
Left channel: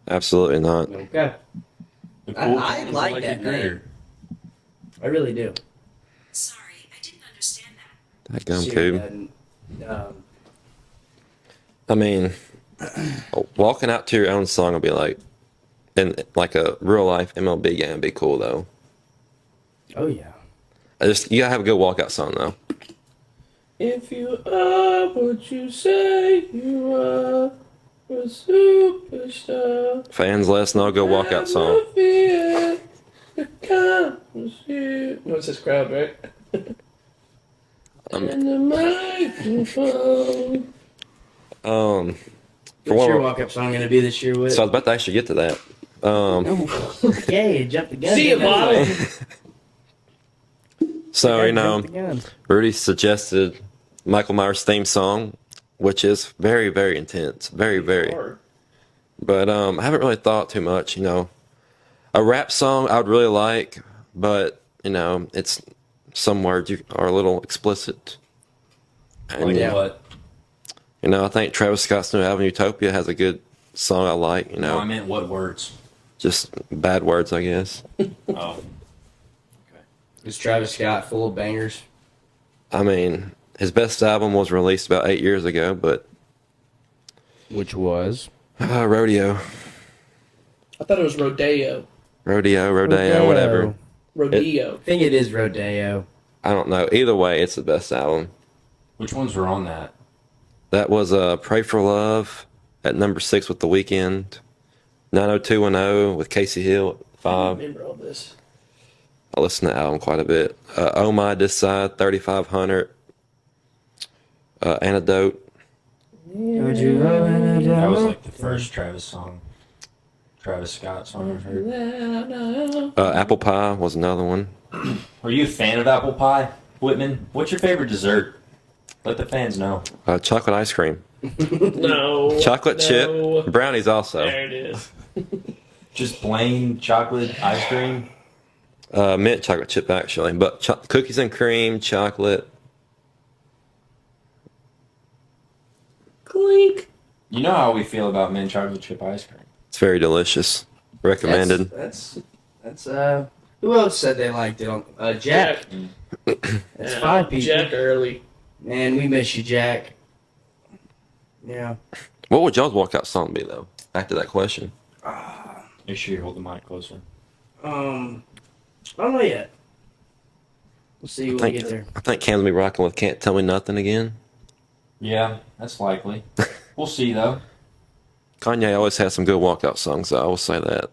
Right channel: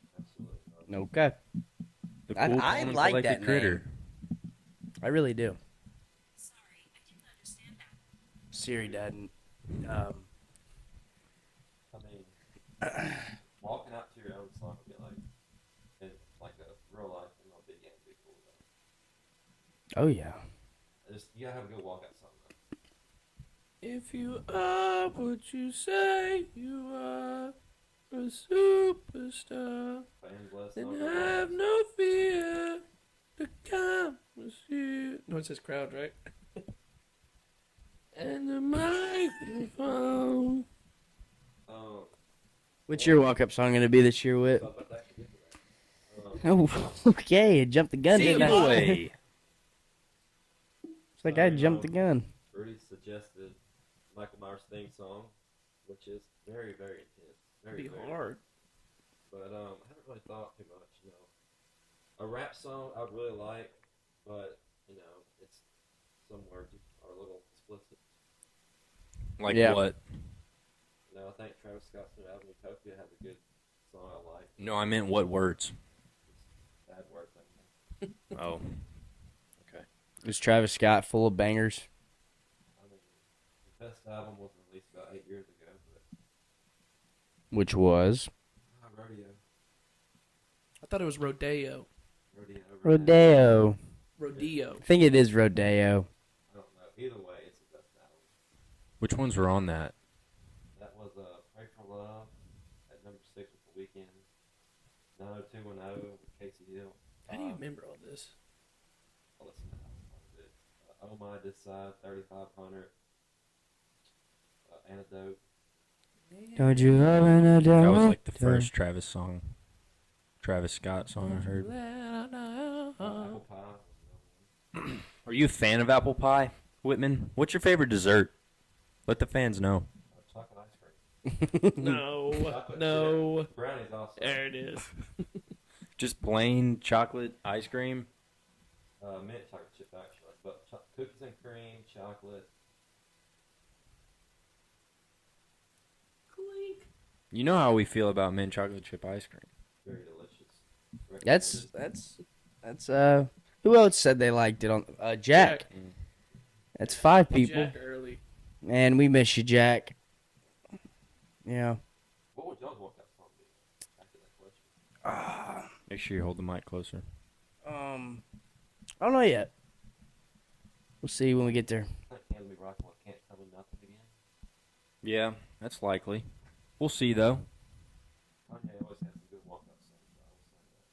Absolutely not. Okay. The I cool like collected that critter. I really do. Sorry, I didn't understand that. That gum Siri too. doesn't, I mean, walking out to your own song would be like, in like a real life MLB game would be cool though. oh yeah. You gotta have a good walkout song though. If you are what you say you are, a superstar. Fans, let us know a good walkout song. No fear, the comes here. No, it says crowd, right? And the microphone. What's your walk-up song gonna be this year, Whit? So I was about to actually get to that. Oh, okay, jump the gun. See you, Bob. So Jump the gun. Rudy suggested Michael Myers' theme song, which is very, very intense, very, very. Hard. But I haven't really thought too much. A rap song I would really like, but it's some words are a little explicit. And, Like Yeah. what? I think Travis Scott's new album Utopia has a good song I like. No, I meant what words? Just bad words, I guess. Oh, Is Travis Scott full of bangers? I mean, his best album was released about 8 years ago, but Which was? Rodeo, I thought it was Rodeo. whatever. Rodeo. I think it is Rodeo. I don't know. Either way, it's the best album. which ones were on that? That was Pray for Love at number 6 with The Weeknd, 90210 with Casey Hill at I 5. remember all this. I listen to the album quite a bit. Oh My This Side, 3500, Antidote. Would you go in a That was devil? like the first Travis Scott song I heard. Apple Pie was another one. Are you a fan of apple pie, Whitman? What's your favorite dessert? Let the fans know. Chocolate ice cream. No. Chocolate no. chip. Brownies also. There it is. Just plain chocolate ice cream. Mint chocolate chip, actually. But cookies and cream, chocolate. Clink. You know how we feel about mint chocolate chip ice cream. It's very delicious. Recommended. That's who else said they liked it on Jack? That's 5 people. Jack early. Man, we miss you, Jack. Yeah. What would y'all's walkout song be, though? Back to that question. Make sure you hold the mic closer. I don't know yet. We'll see when we get there. I think Cam's gonna be rocking with Can't Tell Me Nothing again. Yeah, that's likely. We'll see though. Kanye always has some good walkout songs, though. I will say that.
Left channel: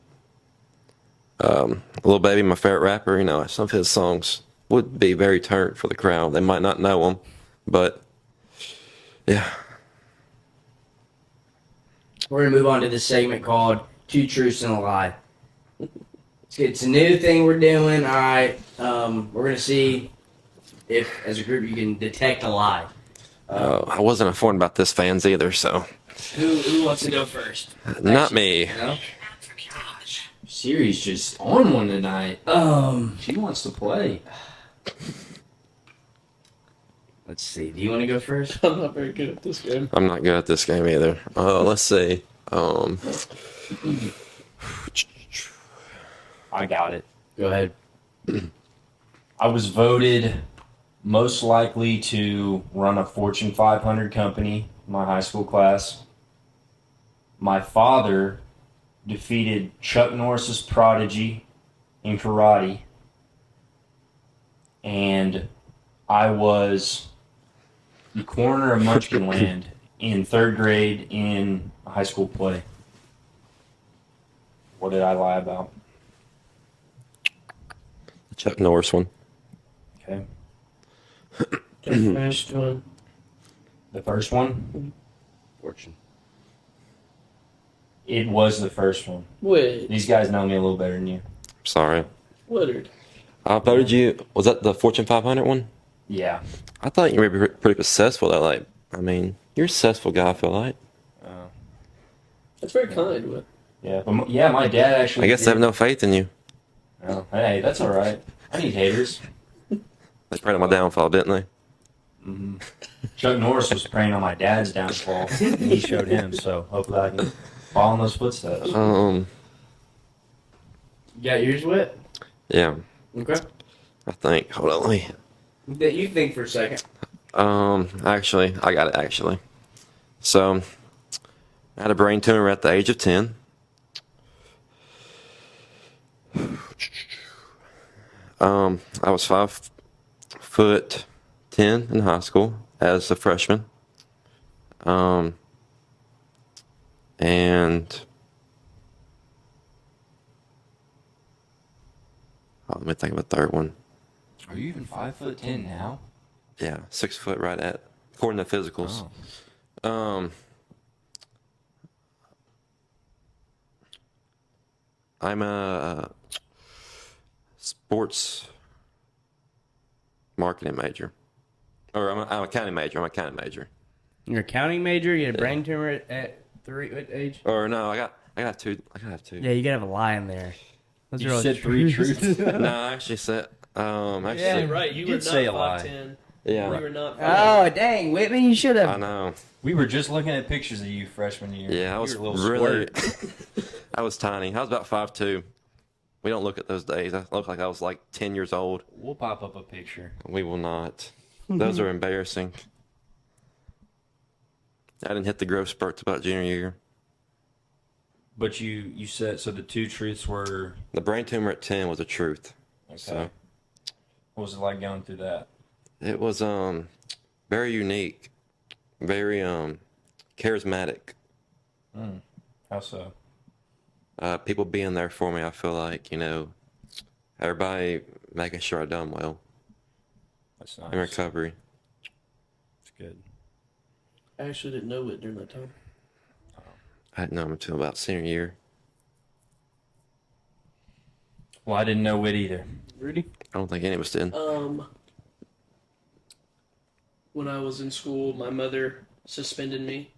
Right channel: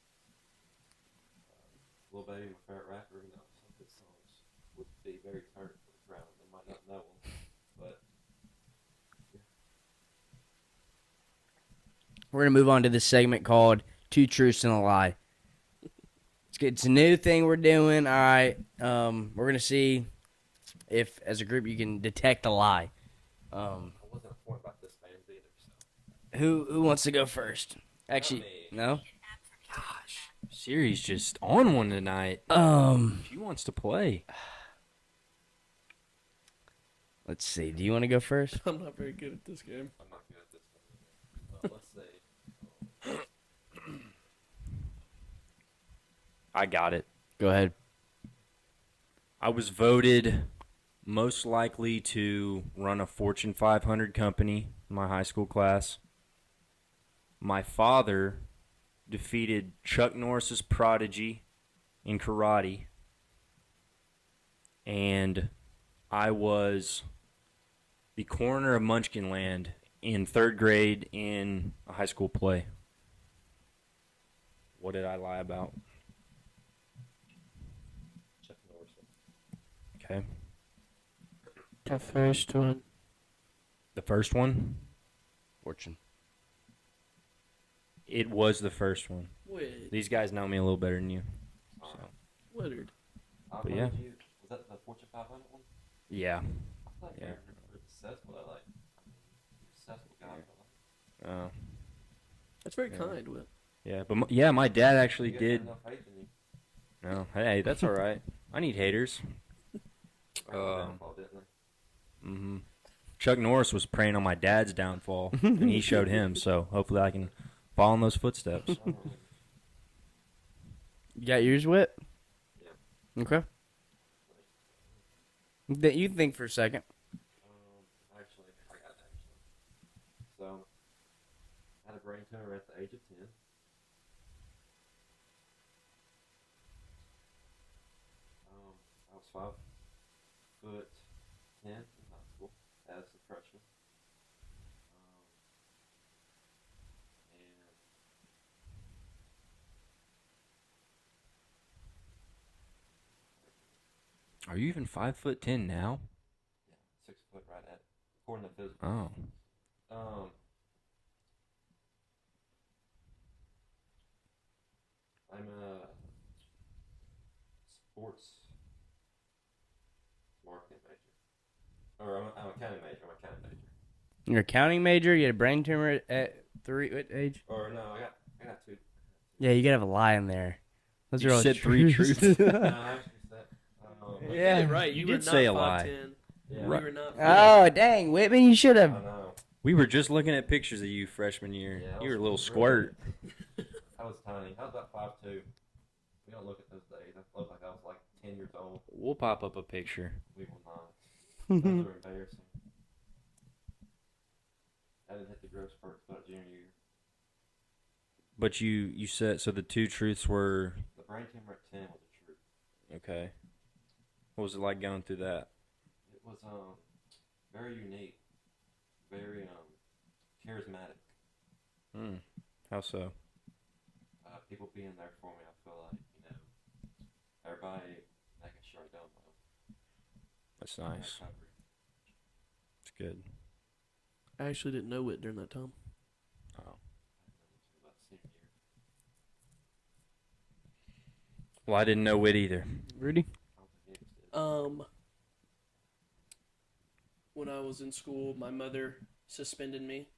Lil Baby, my favorite rapper, some of his songs would be very turned for the crowd. They might not know them, but yeah. We're going to move on to this segment called Two Truths and a Lie. It's a new thing we're doing. All right. We're going to see if, as a group, you can detect a lie. I wasn't informed about this, fans, either, so. Who wants to go first? Not me. No? Siri's just on one tonight. She wants to play. Let's see. Do you want to go first? I'm not very good at this game. I'm not good at this game either. Let's see. I got it. Go ahead. I was voted most likely to run a Fortune 500 company, my high school class. My father defeated Chuck Norris's prodigy in karate. And I was the corner of Munchkinland in 3rd grade in a high school play. What did I lie about? The Chuck Norris one. Okay. The first one. The first one? Fortune. It was the first one. Wait, These guys know me a little better than you. Sorry. Woodard. I voted you. Was that the Fortune 500 one? Yeah. I thought you were pretty successful. Though. Like, I mean, you're a successful guy. I feel like. That's very kind. Wood. Yeah. But my dad actually. I guess I have no faith in you. Oh, hey, that's all right. I need haters. They prayed on my downfall, didn't they? Chuck Norris was preying on my dad's downfall, and he showed him. So hopefully I can follow in those footsteps. You got yours, Whit? Yeah. Okay. I think. Hold on. Let me. You think for a second. Actually, I got it. Actually, so I had a brain tumor at the age of 10. I was 5'10" in high school as a freshman. And let me think of a third one. Are you even 5'10" now? Yeah, 6 foot right at, according to physicals. Oh. I'm a sports marketing major. Or I'm an accounting major. I'm an accounting major. You're a accounting major. You had a brain tumor at 3 what age? Or no, I got two. I gotta have two. Yeah, you gotta have a lie in there. Those You are all said 3 truths. No, I actually said. Actually, Yeah. Right, You were did not say a lie. 5'10". Yeah. You were not. Oh dang, Whitman, you should I have. know. We were just looking at pictures of you freshman year. Yeah, I was you were a little really, squirt. I was tiny. I was about 5'2". We don't look at those days. I look like I was like 10 years old. We'll pop up a picture. We will not. Those are embarrassing. I didn't hit the growth spurt till about junior year. But you said, so the 2 truths were, The brain tumor at 10 was a truth. okay. So What was it like going through that? it was very unique, very charismatic. How so? People being there for me, I feel like, everybody making sure I done well That's in nice. recovery. It's good. I actually didn't know it during that time. I didn't know him until about senior year. Well, I didn't know it either. Rudy? I don't think any of us did. When I was in school, my mother suspended me.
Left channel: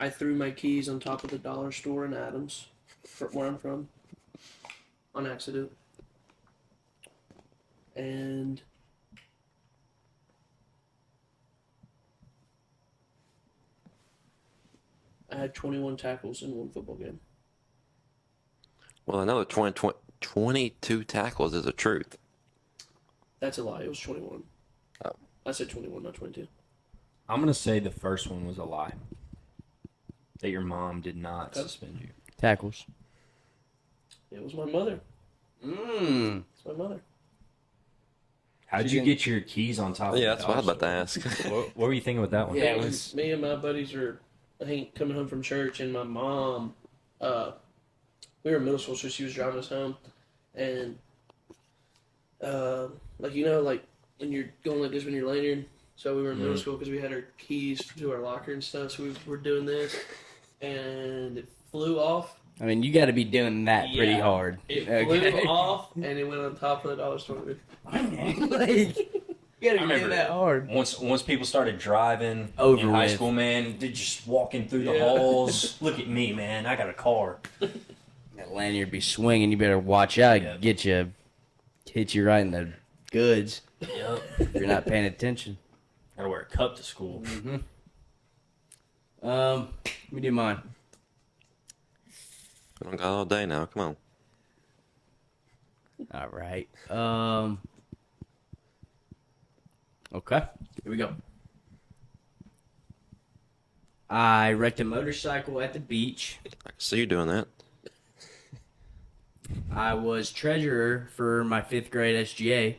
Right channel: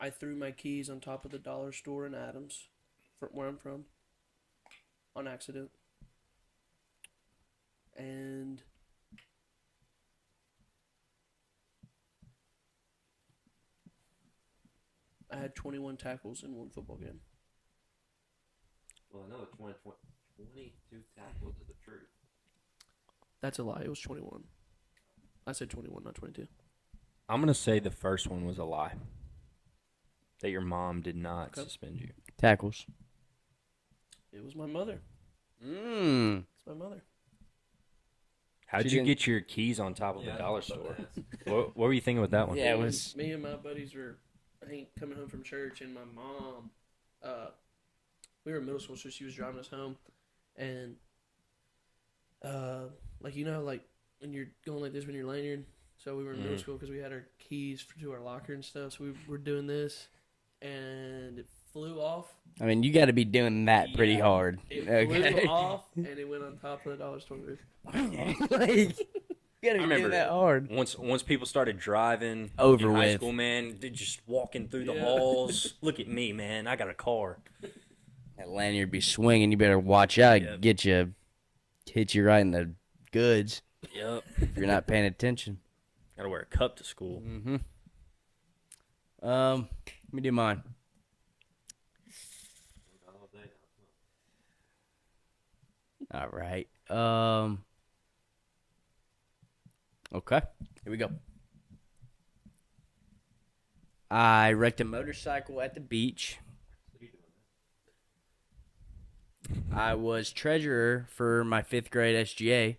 I threw my keys on top of the dollar store in Adams, where I'm from, on accident. And I had 21 tackles in one football game. Well, I know that 22 tackles is the truth. That's a lie. It was 21. Oh. I said 21, not 22. I'm going to say the first one was a lie. That your mom did not suspend you. Tackles. It was my mother. Mmm. It's my mother. How'd She you didn't- get your keys on top of Yeah, the that's what I was dollar about to ask. store? What were you thinking with that one? Yeah, it was. Me and my buddies are coming home from church, and my mom, we were in middle school, so she was driving us home, and like when you're going like this when you're lanyard. So we were in middle school because we had our keys to our locker and stuff. So we were doing this, and it flew off. I mean, you got to be doing that pretty Yeah. hard. It Okay. flew off, and it went on top of the dollar store. Like, you got to be remember doing that hard. Once people started driving Over in high with. school, man, they're just walking through the Yeah. halls. Look at me, man. I got a car. That lanyard be swinging. You better watch out. Yeah. Hit you right in the goods Yep. if you're not paying attention. Gotta wear a cup to school. Let me do mine. I don't got all day now. Come on. All right. Okay. Here we go. I wrecked a motorcycle at the beach. I see you doing that. I was treasurer for my 5th grade SGA.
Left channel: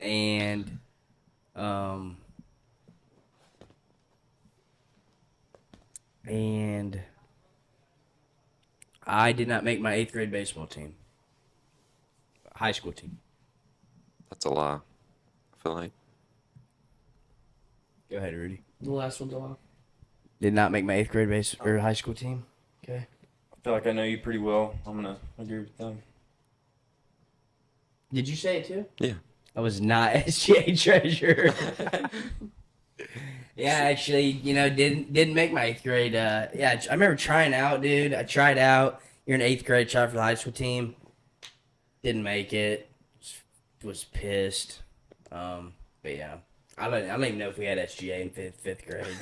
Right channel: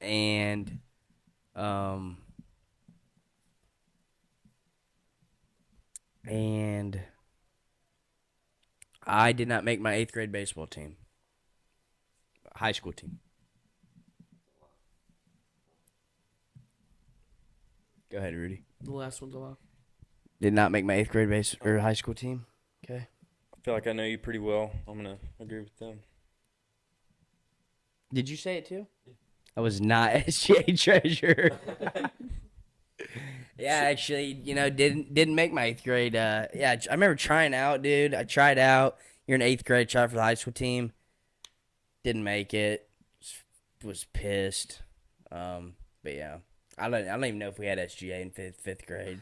And and I did not make my 8th grade baseball team. High school team. That's a lie. I feel like. Go ahead, Rudy. The last one's a lie. Did not make my 8th grade base or high school team. Okay. I feel like I know you pretty well. I'm gonna agree with them. Did you say it too? Yeah. I was not SGA treasurer. Yeah, actually, didn't make my 8th grade. Yeah, I remember trying out, dude. I tried out. You're in 8th grade, tried for the high school team. Didn't make it. Was pissed. But yeah, I don't even know if we had SGA in fifth grade.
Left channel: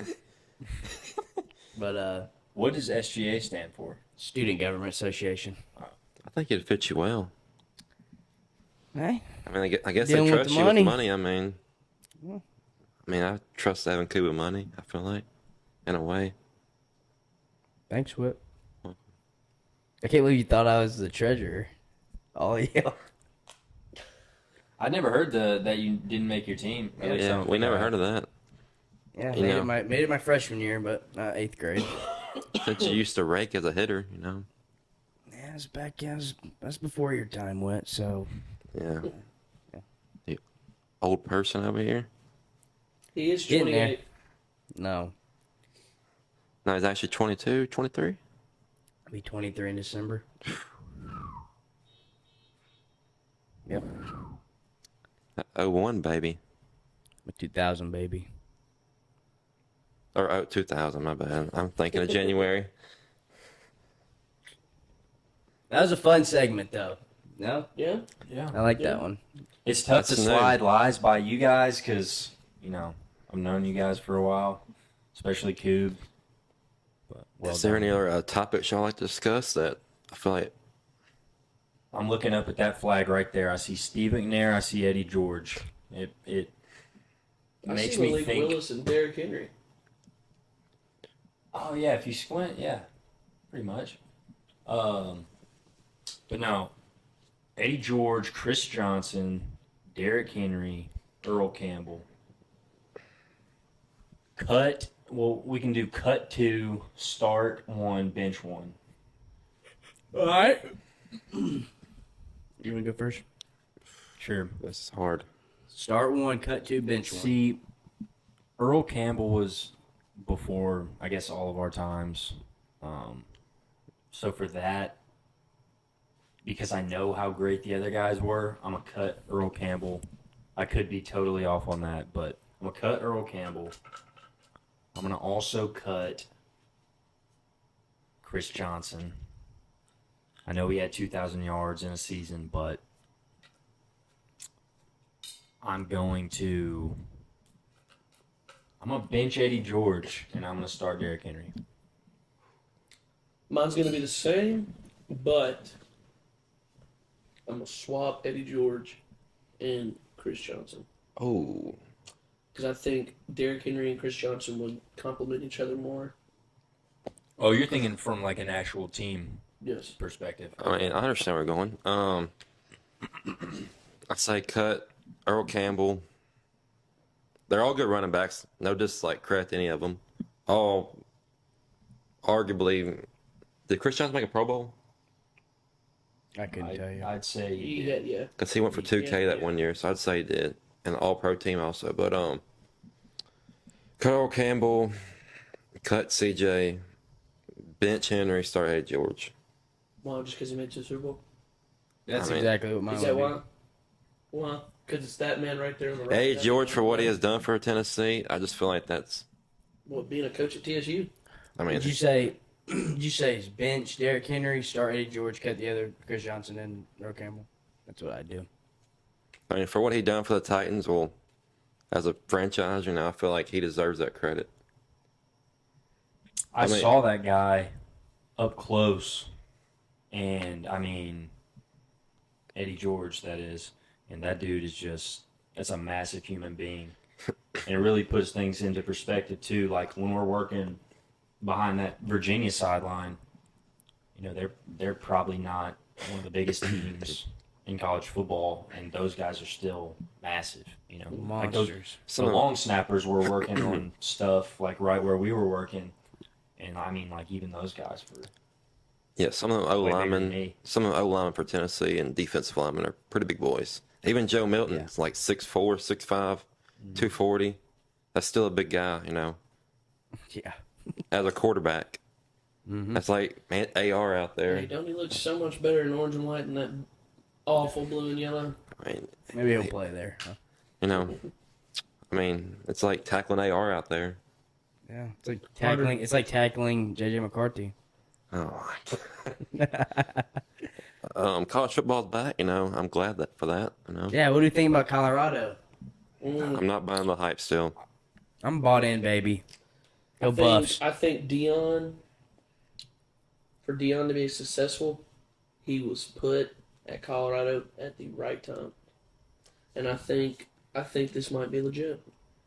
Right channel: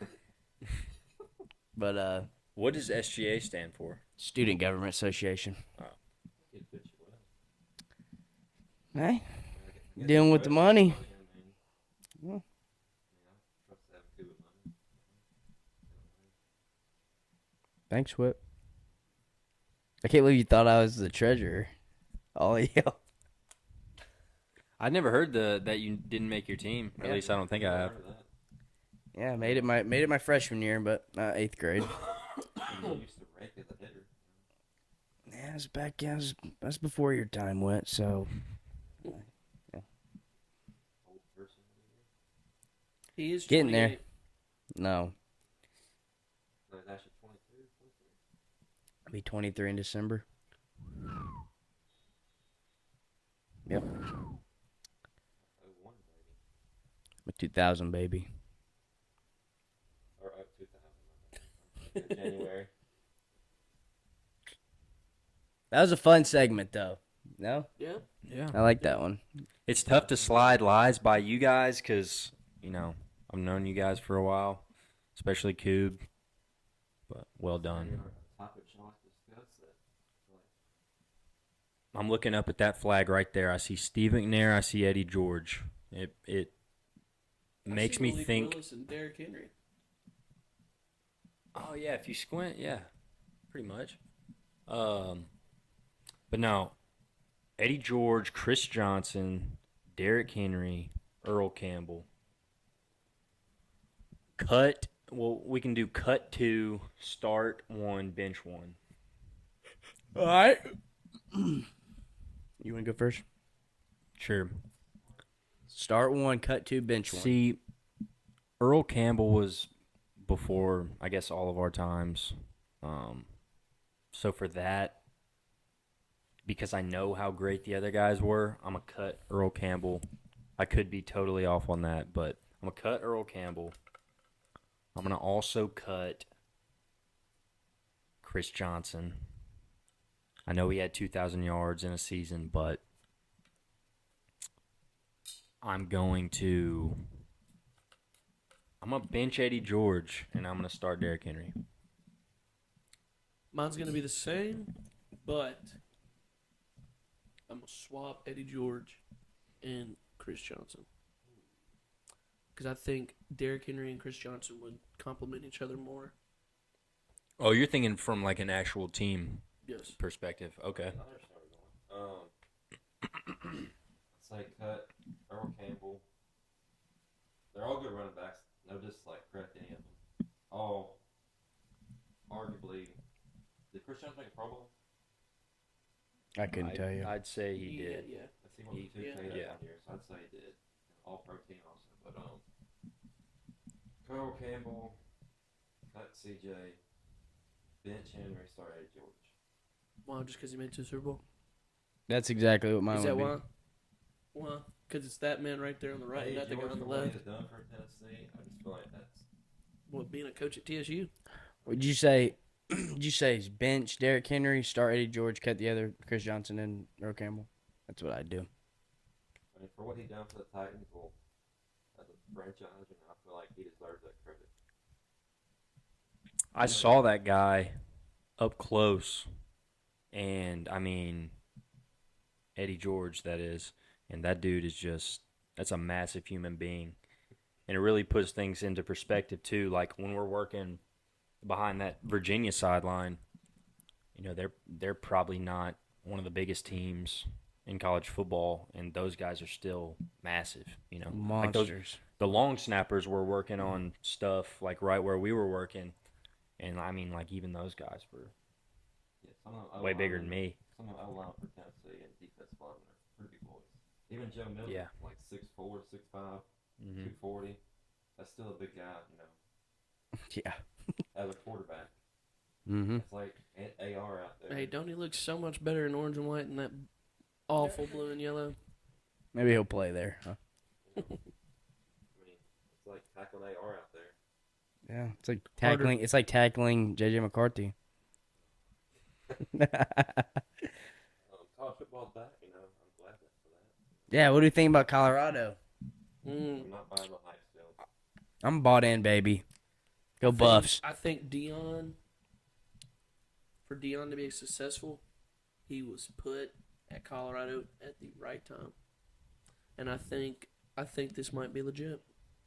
But What does SGA stand for? Student Government Association. I think it'd fit you well. Hey, I mean, I guess Dealing they with trust the you money. with money. I mean, I trust having Cuba money. I feel like, in a way. thanks, Whip. I can't believe you thought I was the treasurer. Oh yeah. I never heard that you didn't make your team. At least I don't we think never I heard of that. Yeah, You made know. it my freshman year, but not 8th grade. Since you used to rake as a hitter, Yeah, it's back. Yeah, that's before your time went. So Yeah. Yeah. You old person over here. He is Getting there. 28. no, No, he's actually 22, 23. I'll be 23 in December. Yep, 01, baby. I'm a 2000 baby. Or 2000, my bad. I'm thinking of January. That was a fun segment, though. No, Yeah. Yeah. I like that one. It's tough to That's slide lies by you guys because, I've known you guys for a while, especially Cube. But well Is there done. any other topics y'all like to discuss that I feel like I'm looking up at that flag right there. I see Steve McNair. I see Eddie George. It I makes see me Malik think. Willis and Derrick Henry. Oh yeah, if you squint, yeah, pretty much. But no, Eddie George, Chris Johnson, Derrick Henry, Earl Campbell. Cut. Well, we can do cut 2, start 1, bench 1. All right. You want to go first? Sure. this is hard. Start 1, cut 2, bench 1. See, Earl Campbell was before, I guess, all of our times. So for that, because I know how great the other guys were, I'm going to cut Earl Campbell. I could be totally off on that, but I'm going to cut Earl Campbell. I'm going to also cut Chris Johnson. I know he had 2,000 yards in a season, but I'm going to bench Eddie George, and I'm going to start Derrick Henry. Mine's going to be the same, but I'm going to swap Eddie George and Chris Johnson. Oh, Because I think Derrick Henry and Chris Johnson would complement each other more. Oh, you're thinking from like an actual team Yes. perspective. I mean, I understand where we're going. I'd say cut Earl Campbell. They're all good running backs. No credit to any of them. All arguably. Did Chris Johnson make a Pro Bowl? I couldn't tell you. I'd say He he did. had, yeah. Because he went for 2K that Yeah. 1 year, so I'd say he did. And an all-pro team also. But, cut Earl Campbell, cut CJ, bench Henry, start Eddie George. Why? Just because he made it to the Super Bowl? That's I mean, exactly what mine Is would that be. why? Why? Because it's that man right there on the right. Eddie that George, man for on what the he left. has done for Tennessee, I just feel like that's. What, being a coach at TSU? I mean, Did you say? Did you say bench Derrick Henry, start Eddie George, cut the other Chris Johnson and Earl Campbell? That's what I'd do. for what he done for the Titans, well, as a franchise, I feel like he deserves that credit. I saw that guy up close And I mean, Eddie George, that is, and that dude is that's a massive human being. And it really puts things into perspective too. Like when we're working behind that Virginia sideline, they're probably not one of the biggest teams in college football, and those guys are still massive. Like Monsters. the long snappers were working on stuff like right where we were working, and I mean, like even those guys were. Yeah, some of them Way bigger than O-linemen, me. some of them O-linemen for Tennessee and defensive linemen are pretty big boys. Even Joe Milton is like 6'4", 6'5", 240. That's still a big guy, Yeah. as a quarterback. That's like AR out there. Hey, don't he look so much better in orange and white than that awful blue and yellow? I mean, Maybe he'll play there. Huh? It's like tackling AR out there. Yeah. It's like tackling. It's like tackling JJ McCarthy. Oh. College football's back, I'm glad for that, Yeah. What do you think about Colorado? I'm not buying the hype still. I'm bought in, baby. Go Buffs. I think for Dion to be successful, he was put at Colorado at the right time. And I think this might be legit.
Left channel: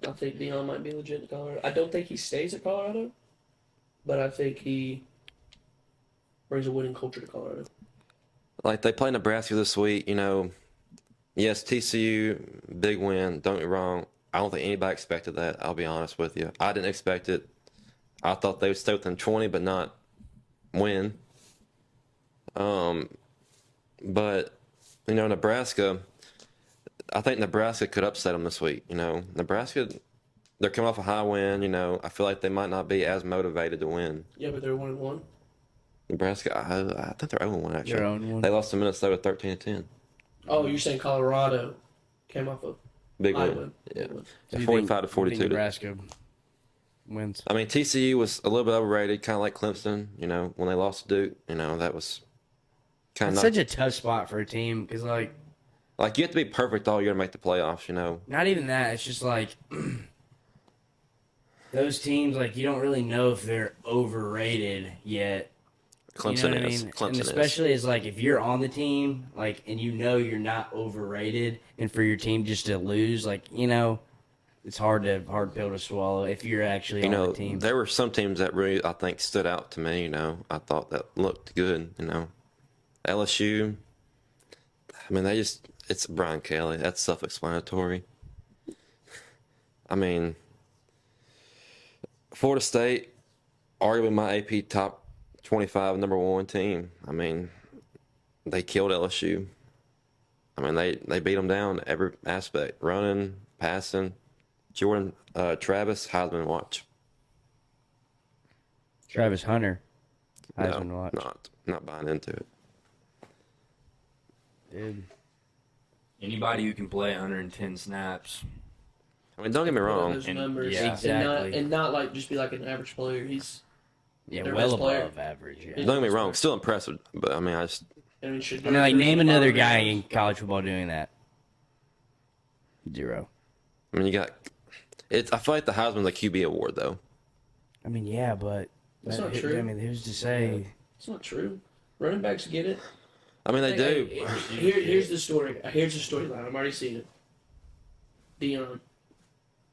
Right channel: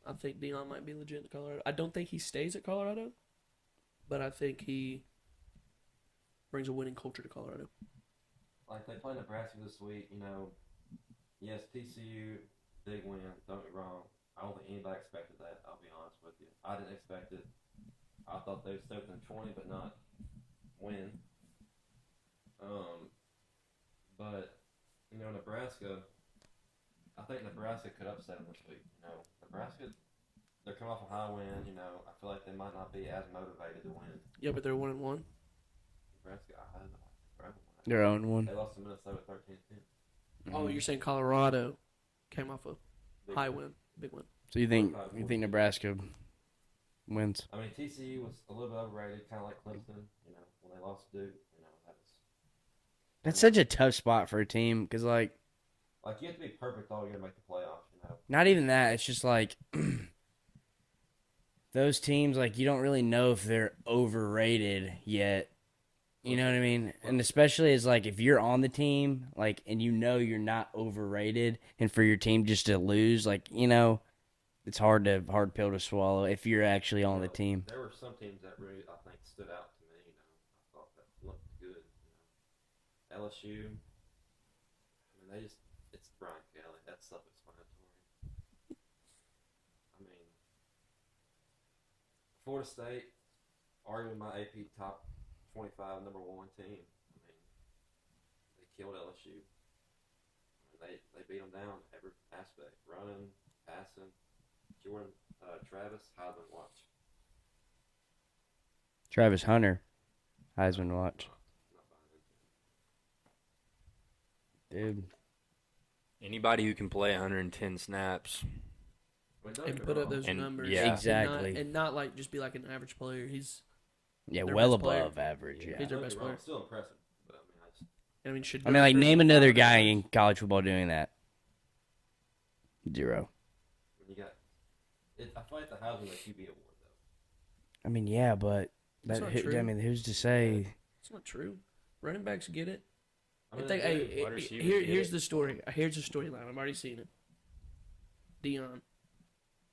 I think Dion might be legit in Colorado. I don't think he stays at Colorado, but I think he brings a winning culture to Colorado. Like they play Nebraska this week, yes, TCU, big win, don't get me wrong. I don't think anybody expected that, I'll be honest with you. I didn't expect it. I thought they would stay within 20, but not win. But, Nebraska, I think Nebraska could upset them this week. Nebraska, they're coming off a high win, I feel like they might not be as motivated to win. Yeah, but they're 1-1. Nebraska, I think they're 0-1 actually. They're 0-1. They lost to Minnesota 13-10. Oh, you're saying Colorado came off a Big high win. win. Yeah. Big win. So you 45 to think 42. Nebraska wins? I mean, TCU was a little bit overrated, kind of like Clemson. When they lost to Duke, that was kind It's of such a tough spot for a team because, like you have to be perfect all year to make the playoffs. not even that. It's just like those teams, like you don't really know if they're overrated yet. Clemson You know what I is. mean? Clemson And is. especially as like if you're on the team, like and you're not overrated, and for your team just to lose, like it's hard pill to swallow if you're actually on the team. There were some teams that really I think stood out to me. I thought that looked good. LSU. I mean, it's Brian Kelly. That's self-explanatory. I mean, Florida State, arguably my AP top 25 number one team. I mean, they killed LSU. I mean, they beat them down every aspect. Running, passing. Jordan, Travis, Heisman watch. Travis Hunter, Heisman No, watch. Not buying into it. Dude. Anybody who can play 110 snaps. I mean, don't get me Put up wrong. those And- numbers. yeah. Exactly. And not like just be like an average player. He's Yeah, Their well best player. above average. Yeah. Yeah. Don't get me wrong. Still impressive, but I mean, should. I mean, like name another guy in college football doing that. Zero. I mean, you got. I feel like the Heisman's a QB award though. I mean, yeah, but That's not true. I mean, who's to say? It's not true. Running backs get it. I mean, they do. Here's the story. Here's the storyline. I'm already seeing it. Dion,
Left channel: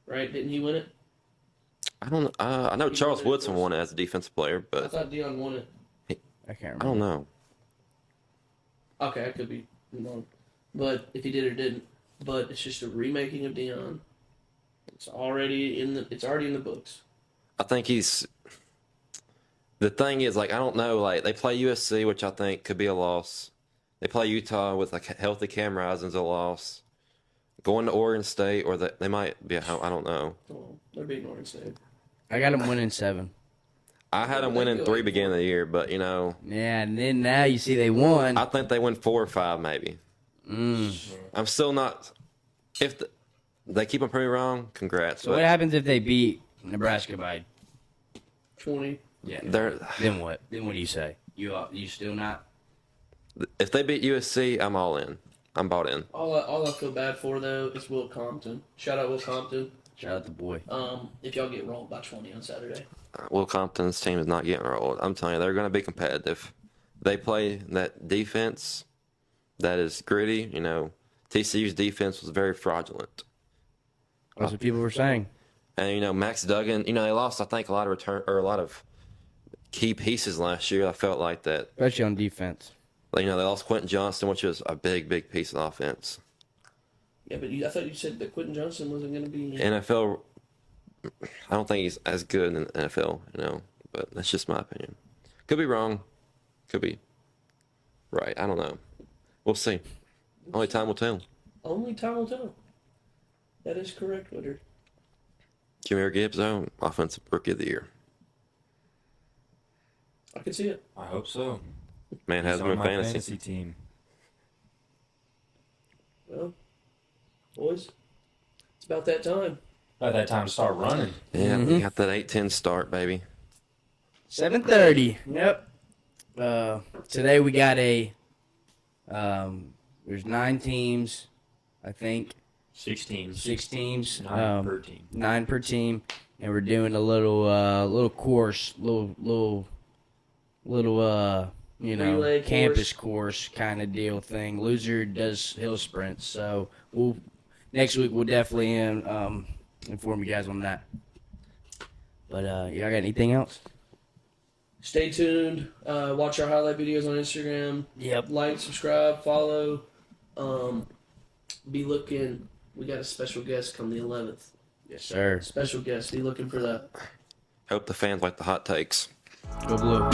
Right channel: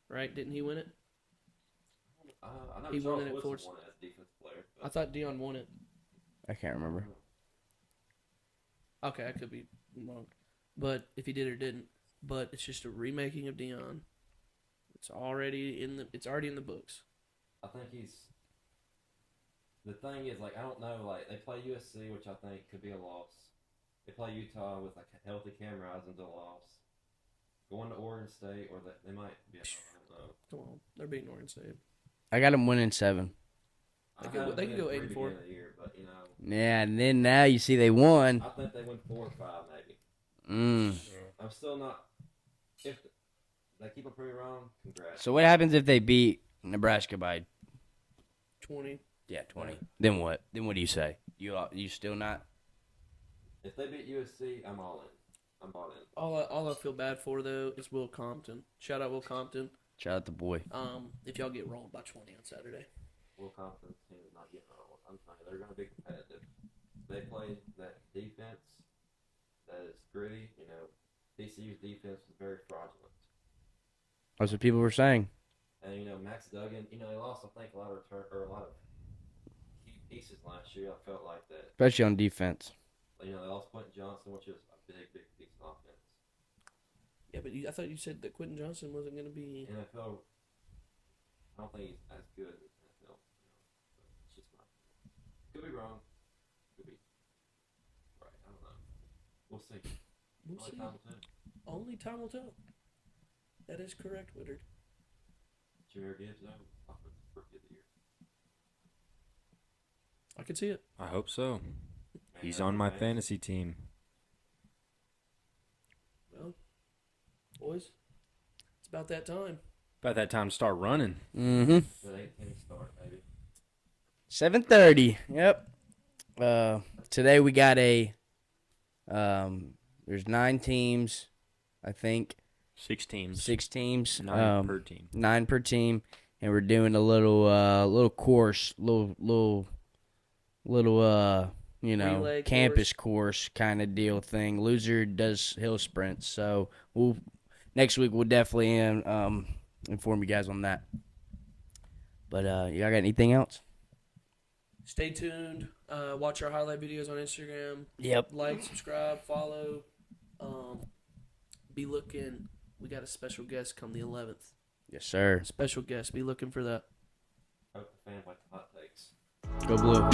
right? Didn't he win it? I don't. I know He Charles won it, of Woodson course. won it as a defensive player, I but thought Dion won it. I can't I remember. don't know. Okay, I could be wrong, but if he did or didn't, but it's just a remaking of Dion. It's already in the books. I think he's. The thing is, like, I don't know. Like, they play USC, which I think could be a loss. They play Utah with like healthy Cam Rising's a loss. Going to Oregon State, or they might be. I don't know. Well, they're beating Oregon State. I got him winning 7. I had them They winning go 3 8-4. beginning of the year, but Yeah, and then now you see they won. I think they win 4 or 5 maybe. Mm. I'm still not. If they keep them pretty wrong, congrats. So but what happens if they beat Nebraska by? 20. Yeah. They're, Then what? Then what do you say? You still not? if they beat USC, I'm all in. I'm bought in. All I feel bad for though is Will Compton. Shout out Will Compton. Shout out the boy. If y'all get rolled by 20 on Saturday. Will Compton's team is not getting rolled. I'm telling you, they're going to be competitive. They play that defense that is gritty. You know, TCU's defense was very fraudulent. That's what people were saying. And, you know, Max Duggan, you know, they lost, I think, a lot of key pieces last year. I felt like that. Especially on defense. Like, you know, they lost Quentin Johnston, which was a big, big piece of offense. Yeah, but I thought you said that Quentin Johnson wasn't going to be. NFL, I don't think he's as good in the NFL, you know, but that's just my opinion. Could be wrong. Could be right. I don't know. We'll see. Only time will tell. Only time will tell. That is correct, Woodard. Jameer Gibbs, though, Offensive Rookie of the Year. I can see it. I hope so. Man He's has on good my fantasy. fantasy team. Well, boys, it's about that time. By that time to start running. Yeah, Mhm. got that 8-10 start, baby. 7:30. Yep. Today we got there's 9 teams, I think. 6 teams. 6 teams. 9 per team. 9 per team, and we're doing a little course, little Relay campus course kind of deal thing. Loser does hill sprints, so next week we'll definitely inform you guys on that. But y'all got anything else? Stay tuned. Watch our highlight videos on Instagram. Yep. Like, subscribe, follow. Be looking. We got a special guest come the 11th. Yes, sir. Special guest. Be looking for that. Hope the fans like the hot takes. Go Blue.